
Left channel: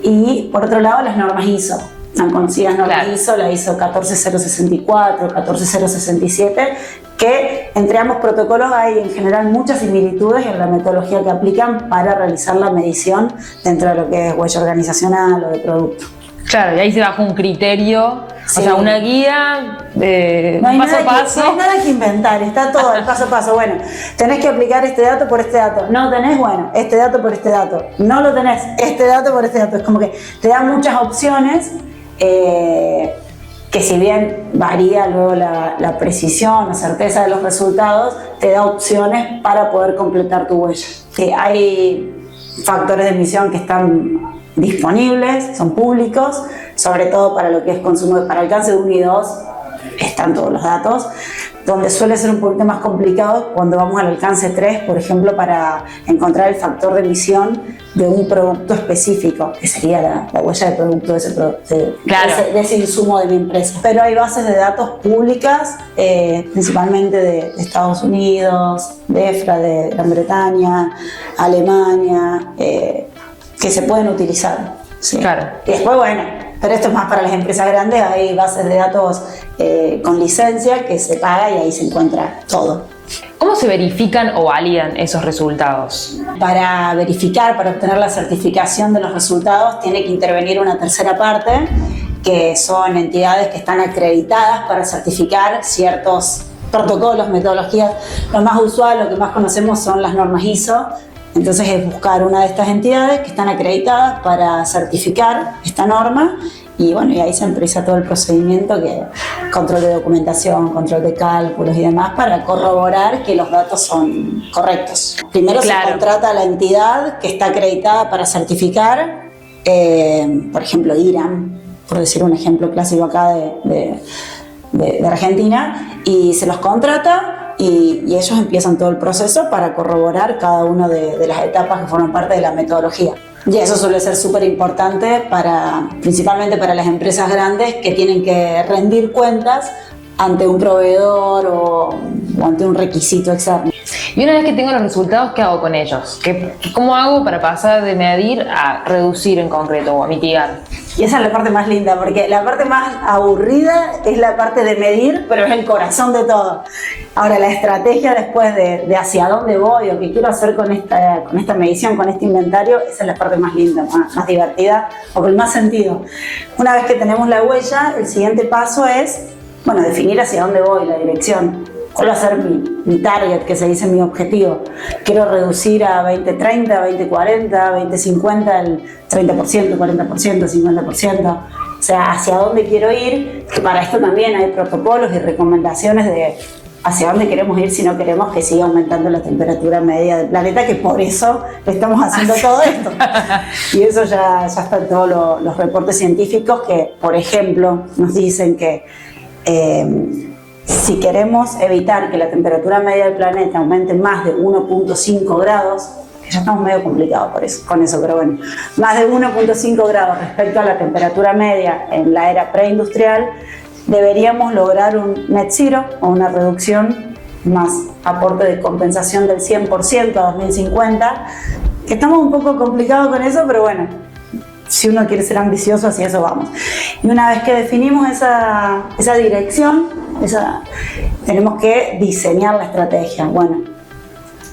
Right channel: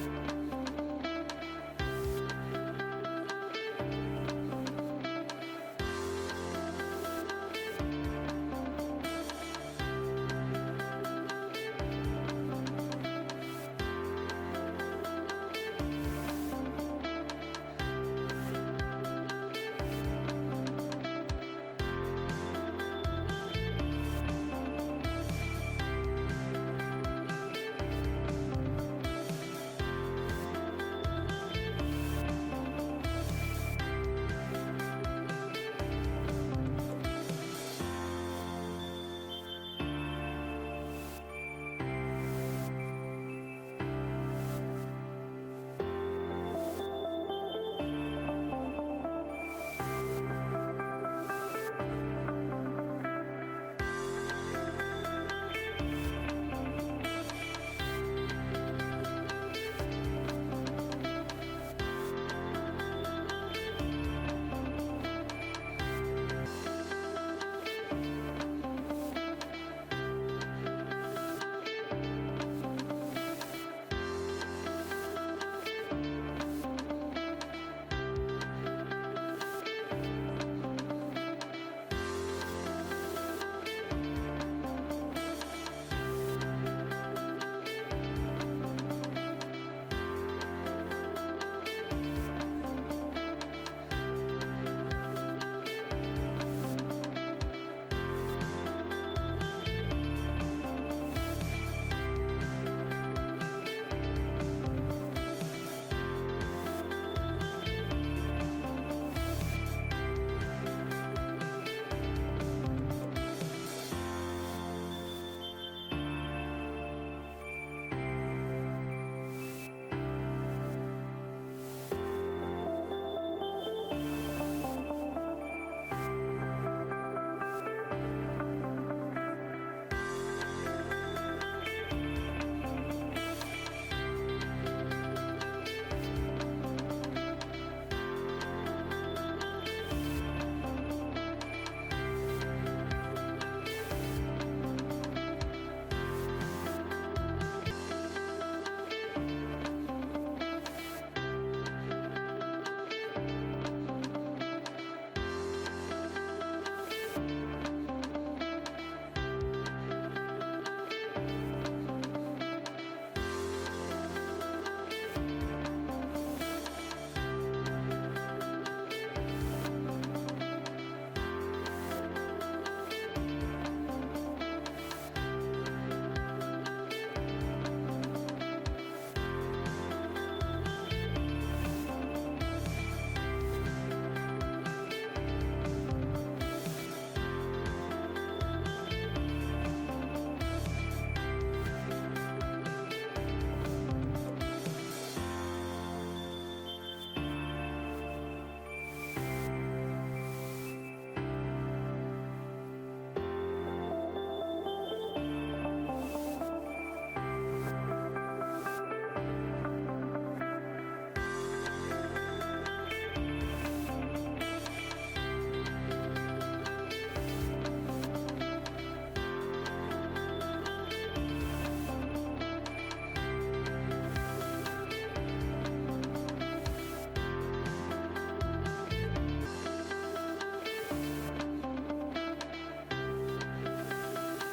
Y por otro lado, las normas ISO. Tan conocidas normas ISO, la ISO 14064, 14067, que entre ambos protocolos hay en general muchas similitudes en la metodología que aplican para realizar la medición dentro de lo que es huella organizacional o de producto. Claro, y ahí se baja un criterio, Sí. o sea, una guía de paso a paso. No hay nada que inventar, está todo el paso a paso. Bueno, tenés que aplicar este dato por este dato. No tenés, bueno, este dato por este dato. No lo tenés, este dato por este dato. Es como que te dan muchas opciones. Que si bien varía luego la precisión, la certeza de los resultados, te da opciones para poder completar tu huella. Hay factores de emisión que están disponibles, son públicos, sobre todo para lo que es consumo, para alcance de 1 y 2 están todos los datos. Donde suele ser un poquito más complicado cuando vamos al alcance 3, por ejemplo, para encontrar el factor de emisión de un producto específico, que sería la huella de producto de ese insumo de mi empresa. Pero hay bases de datos públicas, principalmente de Estados Unidos, de EFRA, de Gran Bretaña, Alemania, que se pueden utilizar. ¿Sí? Claro. Y después, bueno, pero esto es más para las empresas grandes, hay bases de datos con licencia que se paga y ahí se encuentra todo. ¿Cómo se verifican o validan esos resultados? Para verificar, para obtener la certificación de los resultados, tiene que intervenir una tercera parte que son entidades que están acreditadas para certificar ciertos protocolos, metodologías. Lo más usual, lo que más conocemos son las normas ISO. Entonces es buscar una de estas entidades que están acreditadas para certificar esta norma y bueno, y ahí se empieza todo el procedimiento, que control de documentación, control de cálculos y demás, para corroborar que los datos son correctos. Primero se contrata a la entidad que está acreditada para certificar, por ejemplo IRAM, por decir un ejemplo clásico acá de Argentina, y se los contrata y ellos empiezan todo el proceso para corroborar cada una de las etapas que forman parte de la metodología. Y eso suele ser súper importante principalmente para las empresas grandes que tienen que rendir cuentas ante un proveedor o ante un requisito externo. Y una vez que tengo los resultados, ¿qué hago con ellos? ¿Cómo hago para pasar de medir a reducir en concreto o a mitigar? Y esa es la parte más linda, porque la parte más aburrida es la parte de medir, pero es el corazón de todo. Ahora, la estrategia después de hacia dónde voy o qué quiero hacer con esta medición, con este inventario, esa es la parte más linda, más divertida o con más sentido. Una vez que tenemos la huella, el siguiente paso es, bueno, definir hacia dónde voy, la dirección. ¿Cuál va a ser mi target, que se dice mi objetivo? Quiero reducir a 2030, 2040, 2050 el 30%, 40%, 50%. O sea, hacia dónde quiero ir. Para esto también hay protocolos y recomendaciones de hacia dónde queremos ir si no queremos que siga aumentando la temperatura media del planeta, que por eso estamos haciendo todo esto. Y eso ya está en todos los reportes científicos que, por ejemplo, nos dicen que si queremos evitar que la temperatura media del planeta aumente más de 1.5 grados, que ya estamos medio complicados con eso, pero bueno, más de 1.5 grados respecto a la temperatura media en la era preindustrial, deberíamos lograr un net zero o una reducción más aporte de compensación del 100% a 2050, que estamos un poco complicados con eso, pero bueno, si uno quiere ser ambicioso, hacia eso vamos. Y una vez que definimos esa dirección, tenemos que diseñar la estrategia. Bueno,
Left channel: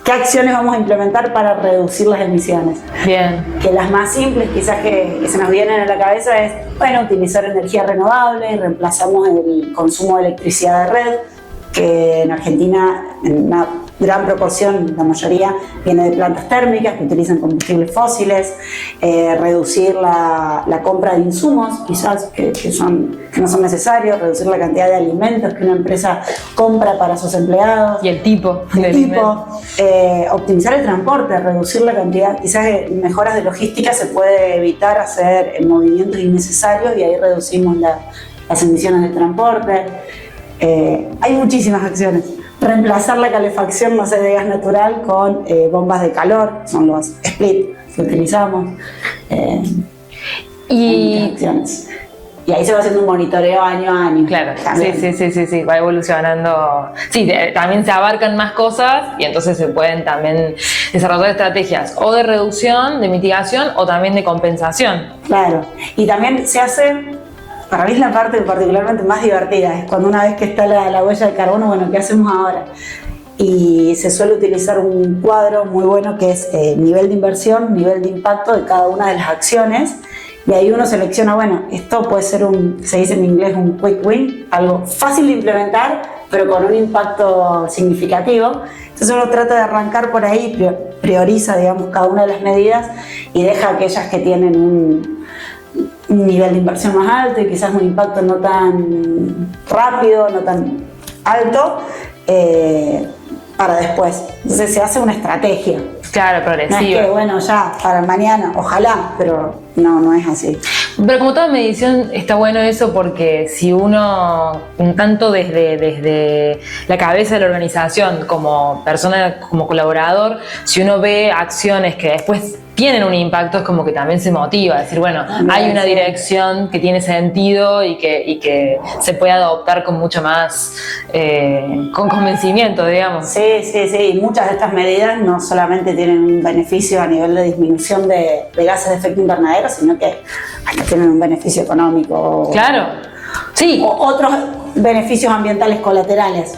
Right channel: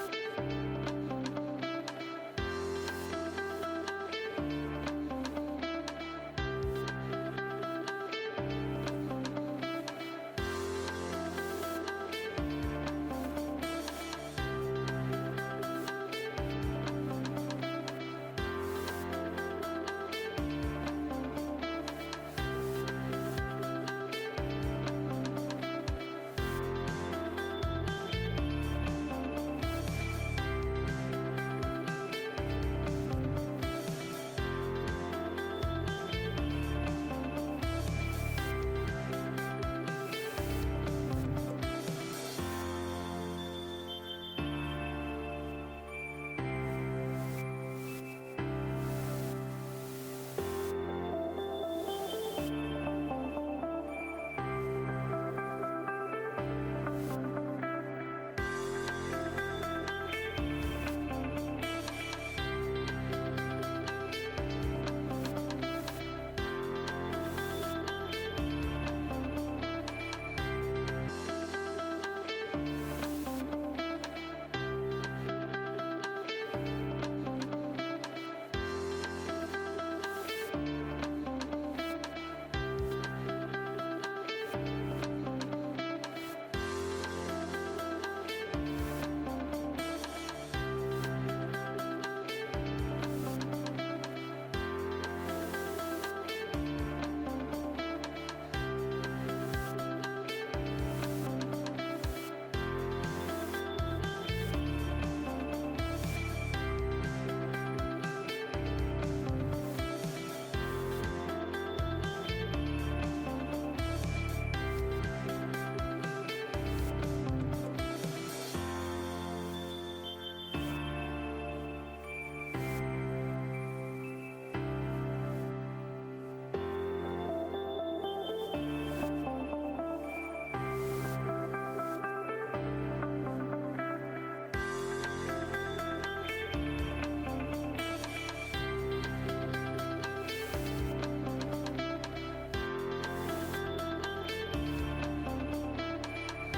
¿qué acciones vamos a implementar para reducir las emisiones? Bien. Que las más simples quizás que se nos vienen a la cabeza es, bueno, utilizar energía renovable, reemplazamos el consumo de electricidad de red, que en Argentina en una gran proporción, la mayoría, viene de plantas térmicas que utilizan combustibles fósiles, reducir la compra de insumos, quizás que no son necesarios, reducir la cantidad de alimentos que una empresa compra para sus empleados. Y el tipo. Optimizar el transporte, reducir la cantidad, quizás mejoras de logística se puede evitar hacer movimientos innecesarios y ahí reducimos las emisiones de transporte. Hay muchísimas acciones. Reemplazar la calefacción, no sé, de gas natural con bombas de calor, son los split que utilizamos. Y ahí se va haciendo un monitoreo año a año. Claro, sí, va evolucionando. Sí, también se abarcan más cosas y entonces se pueden también desarrollar estrategias o de reducción, de mitigación o también de compensación. Claro, y también se hace... Para mí es la parte particularmente más divertida, es cuando una vez que está la huella de carbono, bueno, ¿qué hacemos ahora? Y se suele utilizar un cuadro muy bueno que es nivel de inversión, nivel de impacto de cada una de las acciones, y ahí uno selecciona, bueno, esto puede ser se dice en inglés un quick win, algo fácil de implementar, pero con un impacto significativo. Entonces uno trata de arrancar por ahí, prioriza, digamos, cada una de las medidas y deja aquellas que tienen un nivel de inversión más alto y quizás un impacto no tan rápido, no tan alto, para después. Entonces se hace una estrategia. Claro, progresiva. No es que, bueno, ya, para mañana, ojalá, pero no es así. Pero como toda medición está bueno eso porque si uno, tanto desde la cabeza de la organización como persona, como colaborador, si uno ve acciones que después tienen un impacto, es como que también se motiva a decir, bueno, hay una dirección que tiene sentido y que se puede adoptar con mucho más, con convencimiento, digamos. Sí, y muchas de estas medidas no solamente tienen un beneficio a nivel de disminución de gases de efecto invernadero, sino que tienen un beneficio económico. Claro, sí. O otros beneficios ambientales colaterales.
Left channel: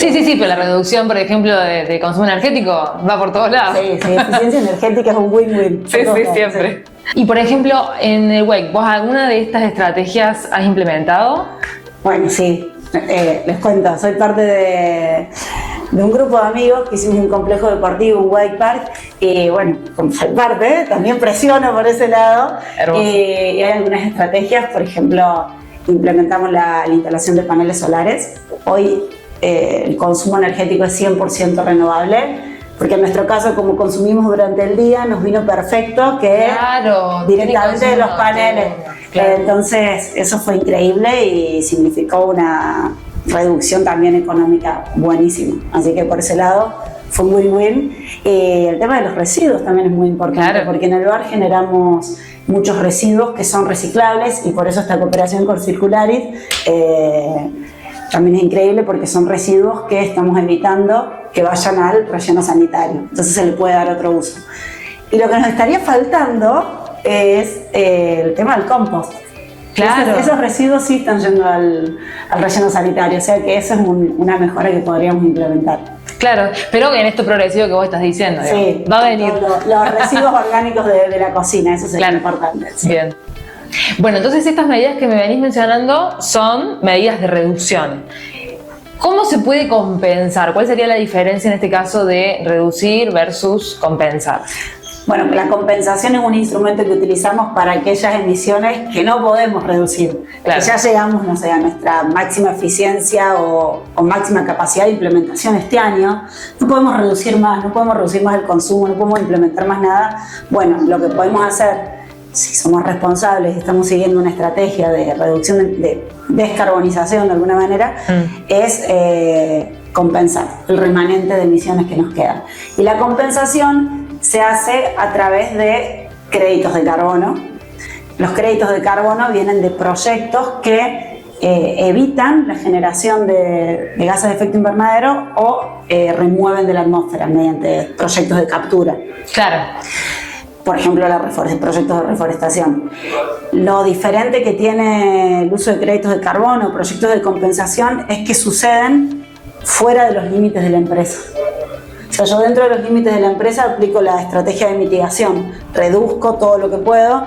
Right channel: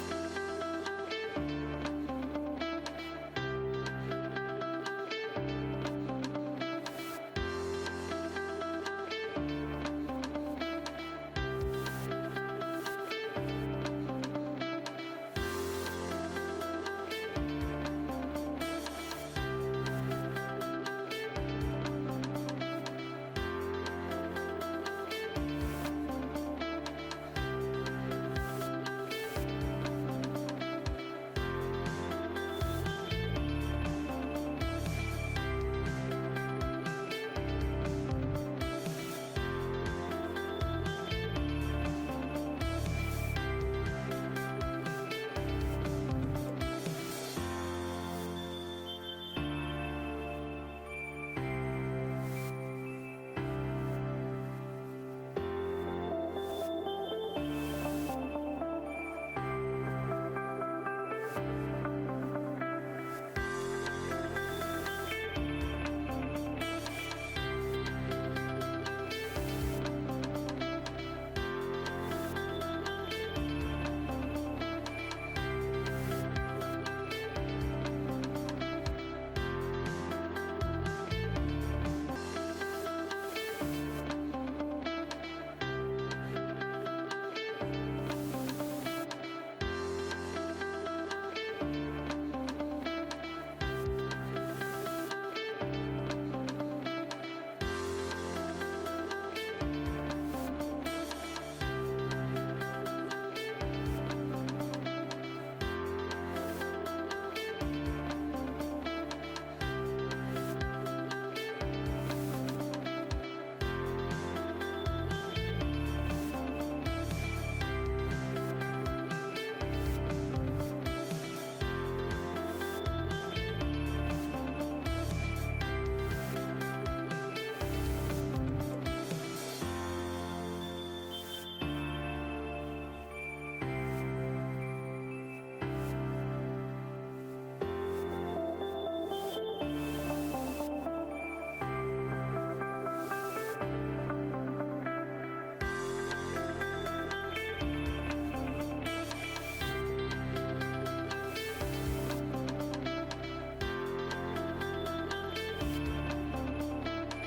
Sí, pero la reducción, por ejemplo, de consumo energético va por todos lados. Sí, eficiencia energética es un win-win. Sí, siempre. Y por ejemplo, en el Wake, ¿vos alguna de estas estrategias has implementado? Bueno, sí, les cuento, soy parte de un grupo de amigos que hicimos un complejo deportivo, un Wake Park, y bueno, como soy parte, también presiono por ese lado. Hermoso. Y hay algunas estrategias, por ejemplo, implementamos la instalación de paneles solares. Hoy el consumo energético es 100% renovable, porque en nuestro caso, como consumimos durante el día, nos vino perfecto que directamente de los paneles. Claro. Entonces, eso fue increíble y significó una reducción también económica buenísima. Así que por ese lado fue un win-win. El tema de los residuos también es muy importante, claro, porque en el hogar generamos muchos residuos que son reciclables y por eso esta cooperación con Circularis también es increíble, porque son residuos que estamos evitando que vayan al relleno sanitario. Entonces se le puede dar otro uso. Y lo que nos estaría faltando es el tema del compost. Claro. Esos residuos sí están yendo al relleno sanitario, o sea que eso es una mejora que podríamos implementar. Claro, pero en esto progresivo que vos estás diciendo, sí, va a venir. Los residuos orgánicos de la cocina, eso sería importante. Sí. Bien. Bueno, entonces estas medidas que me venís mencionando son medidas de reducción. ¿Cómo se puede compensar? ¿Cuál sería la diferencia en este caso de reducir versus compensar? Bueno, la compensación es un instrumento que utilizamos para aquellas emisiones que no podemos reducir. Claro. Que ya llegamos, no sé, a nuestra máxima eficiencia o máxima capacidad de implementación este año. No podemos reducir más, no podemos reducir más el consumo, no podemos implementar más nada. Bueno, lo que podemos hacer, si somos responsables y estamos siguiendo una estrategia de reducción, de descarbonización de alguna manera, es compensar el remanente de emisiones que nos quedan. Y la compensación se hace a través de créditos de carbono. Los créditos de carbono vienen de proyectos que evitan la generación de gases de efecto invernadero o remueven de la atmósfera mediante proyectos de captura. Claro. Por ejemplo, proyectos de reforestación. Lo diferente que tiene el uso de créditos de carbono, proyectos de compensación, es que suceden fuera de los límites de la empresa. O sea, yo dentro de los límites de la empresa aplico la estrategia de mitigación, reduzco todo lo que puedo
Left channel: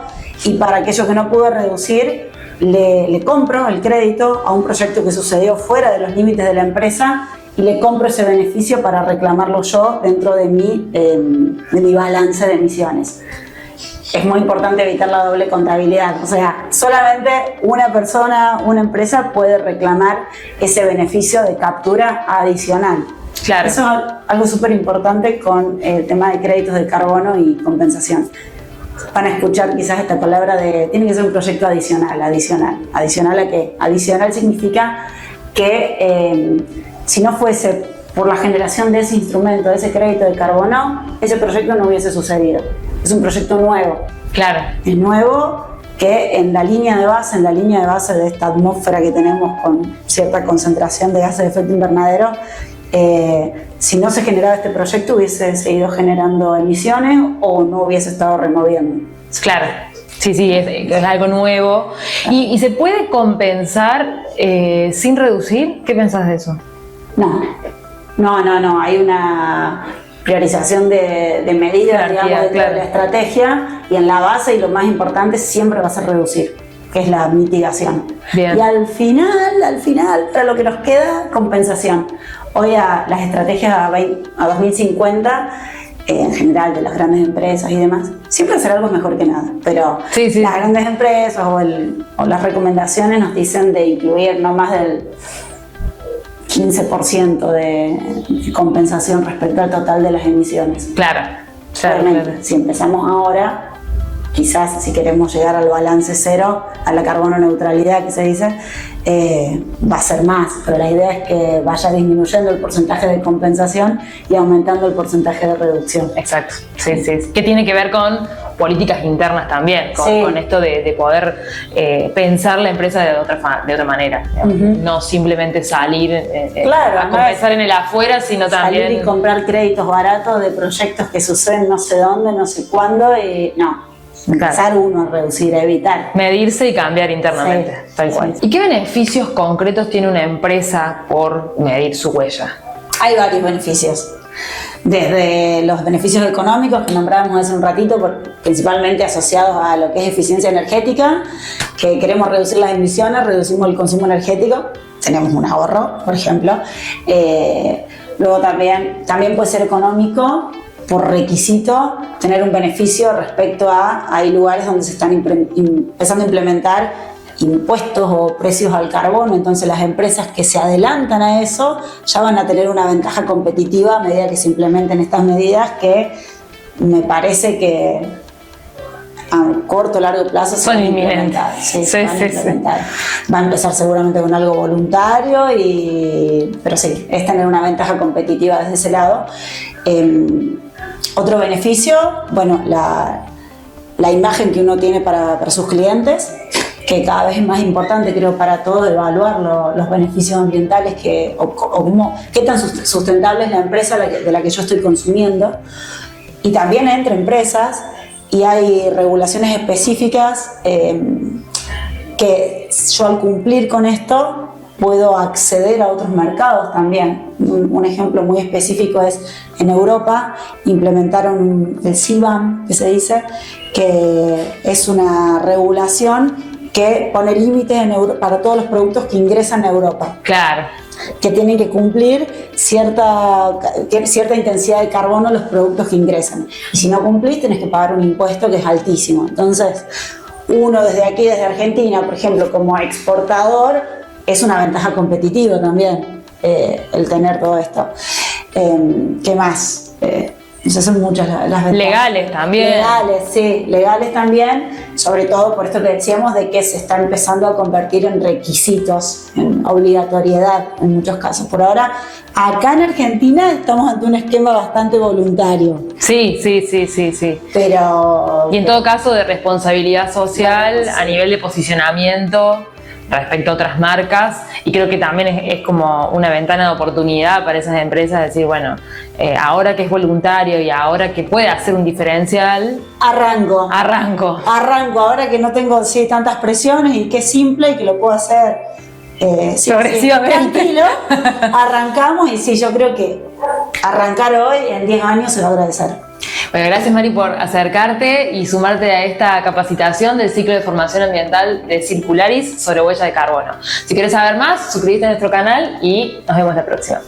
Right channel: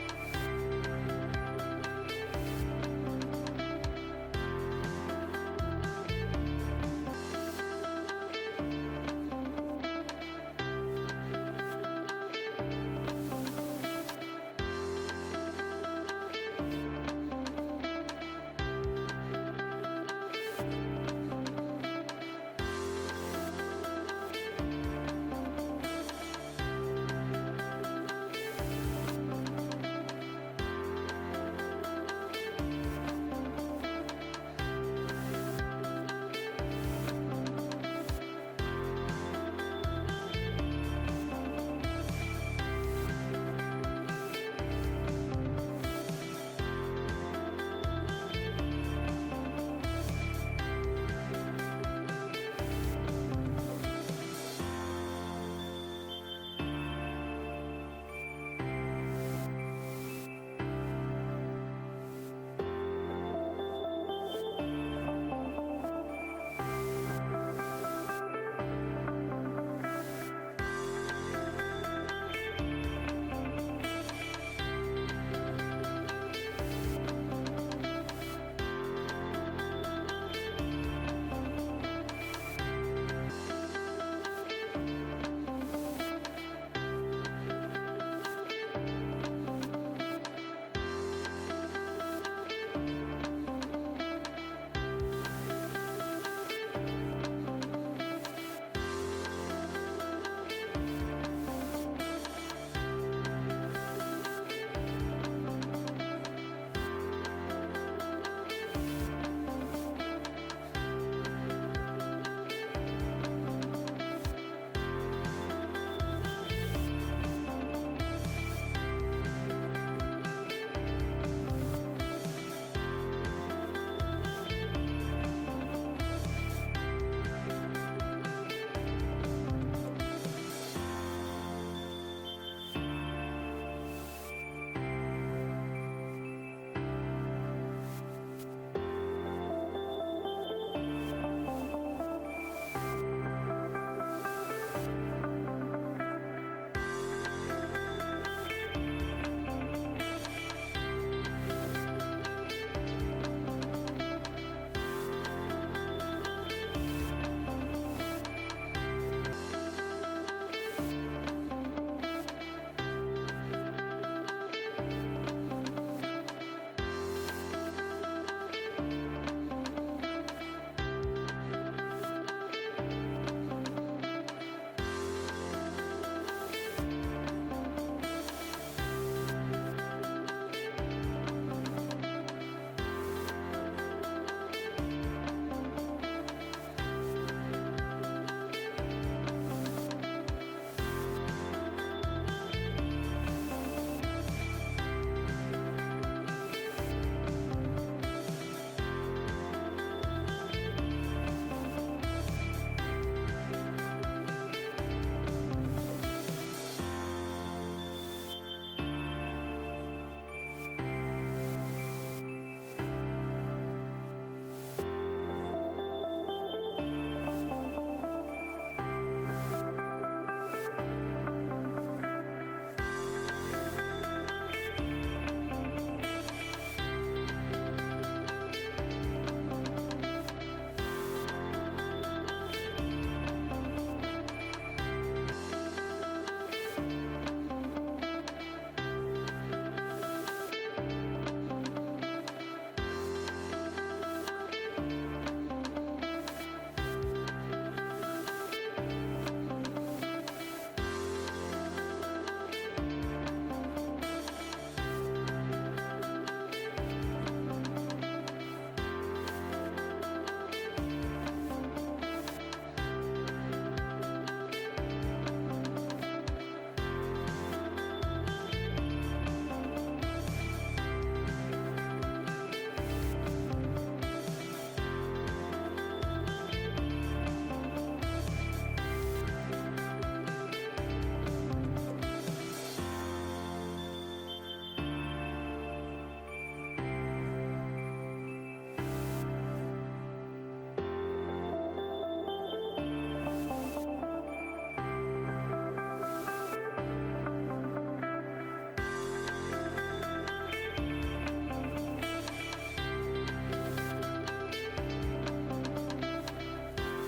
y para aquello que no pude reducir, le compro el crédito a un proyecto que sucedió fuera de los límites de la empresa y le compro ese beneficio para reclamarlo yo dentro de mi balance de emisiones. Es muy importante evitar la doble contabilidad, o sea, solamente una persona, una empresa puede reclamar ese beneficio de captura adicional. Claro. Eso es algo súper importante con el tema de créditos de carbono y compensación. Van a escuchar quizás esta palabra de tiene que ser un proyecto adicional. ¿Adicional a qué? Adicional significa que si no fuese por la generación de ese instrumento, de ese crédito de carbono, ese proyecto no hubiese sucedido. Es un proyecto nuevo. Claro. Es nuevo que en la línea de base de esta atmósfera que tenemos con cierta concentración de gases de efecto invernadero, si no se generaba este proyecto hubiese seguido generando emisiones o no hubiese estado removiendo. Claro, sí, es algo nuevo. ¿Y se puede compensar sin reducir? ¿Qué pensás de eso? No, hay una priorización de medidas, digamos, dentro de la estrategia, y en la base y lo más importante siempre va a ser reducir, que es la mitigación. Bien. Y al final, para lo que nos queda, compensación. Hoy las estrategias a 2050, en general de las grandes empresas y demás, siempre hacer algo es mejor que nada, pero las grandes empresas o las recomendaciones nos dicen de incluir no más del 15% de compensación respecto al total de las emisiones. Claro. Si empezamos ahora, quizás si queremos llegar al balance cero, a la carbono neutralidad que se dice, va a ser más, pero la idea es que vaya disminuyendo el porcentaje de compensación y aumentando el porcentaje de reducción. Exacto, sí. Que tiene que ver con políticas internas también, con esto de poder pensar la empresa de otra manera. No simplemente salir a compensar en el afuera, sino también salir y comprar créditos baratos de proyectos que suceden no sé dónde, no sé cuándo, y no. Empezar uno a reducir, a evitar. Medirse y cambiar internamente, tal cual. ¿Y qué beneficios concretos tiene una empresa por medir su huella? Hay varios beneficios. Desde los beneficios económicos que nombrábamos hace un ratito, principalmente asociados a lo que es eficiencia energética, que queremos reducir las emisiones, reducimos el consumo energético, tenemos un ahorro, por ejemplo. Luego también puede ser económico por requisito tener un beneficio respecto a hay lugares donde se están empezando a implementar impuestos o precios al carbono, entonces las empresas que se adelantan a eso ya van a tener una ventaja competitiva a medida que se implementen estas medidas que me parece que a corto o largo plazo son inminentes. Va a empezar seguramente con algo voluntario, pero sí, es tener una ventaja competitiva desde ese lado. Otro beneficio, bueno, la imagen que uno tiene para sus clientes, que cada vez es más importante, creo, para todos evaluar los beneficios ambientales qué tan sustentable es la empresa de la que yo estoy consumiendo. Y también entre empresas, y hay regulaciones específicas que yo al cumplir con esto puedo acceder a otros mercados también. Un ejemplo muy específico es en Europa implementaron el CBAM, que se dice, que es una regulación que pone límites para todos los productos que ingresan a Europa. Claro. Que tienen que cumplir cierta intensidad de carbono los productos que ingresan. Y si no cumplís, tenés que pagar un impuesto que es altísimo. Entonces, uno desde aquí, desde Argentina, por ejemplo, como exportador, es una ventaja competitiva también el tener todo esto. ¿Qué más? Esas son muchas las ventajas. Legales también. Legales, sí, legales también, sobre todo por esto que decíamos de que se está empezando a convertir en requisitos, en obligatoriedad en muchos casos. Por ahora, acá en Argentina estamos ante un esquema bastante voluntario. Sí. Pero... Y en todo caso de responsabilidad social a nivel de posicionamiento respecto a otras marcas, y creo que también es como una ventana de oportunidad para esas empresas, decir, bueno, ahora que es voluntario y ahora que puede hacer un diferencial, arranco, ahora que no tengo tantas presiones y que es simple y que lo puedo hacer progresivamente. Tranquilo, arrancamos, y sí, yo creo que arrancar hoy en 10 años se va a agradecer. Bueno, gracias Mari por acercarte y sumarte a esta capacitación del ciclo de formación ambiental de Circularis sobre huella de carbono. Si quieres saber más, suscríbete a nuestro canal y nos vemos la próxima.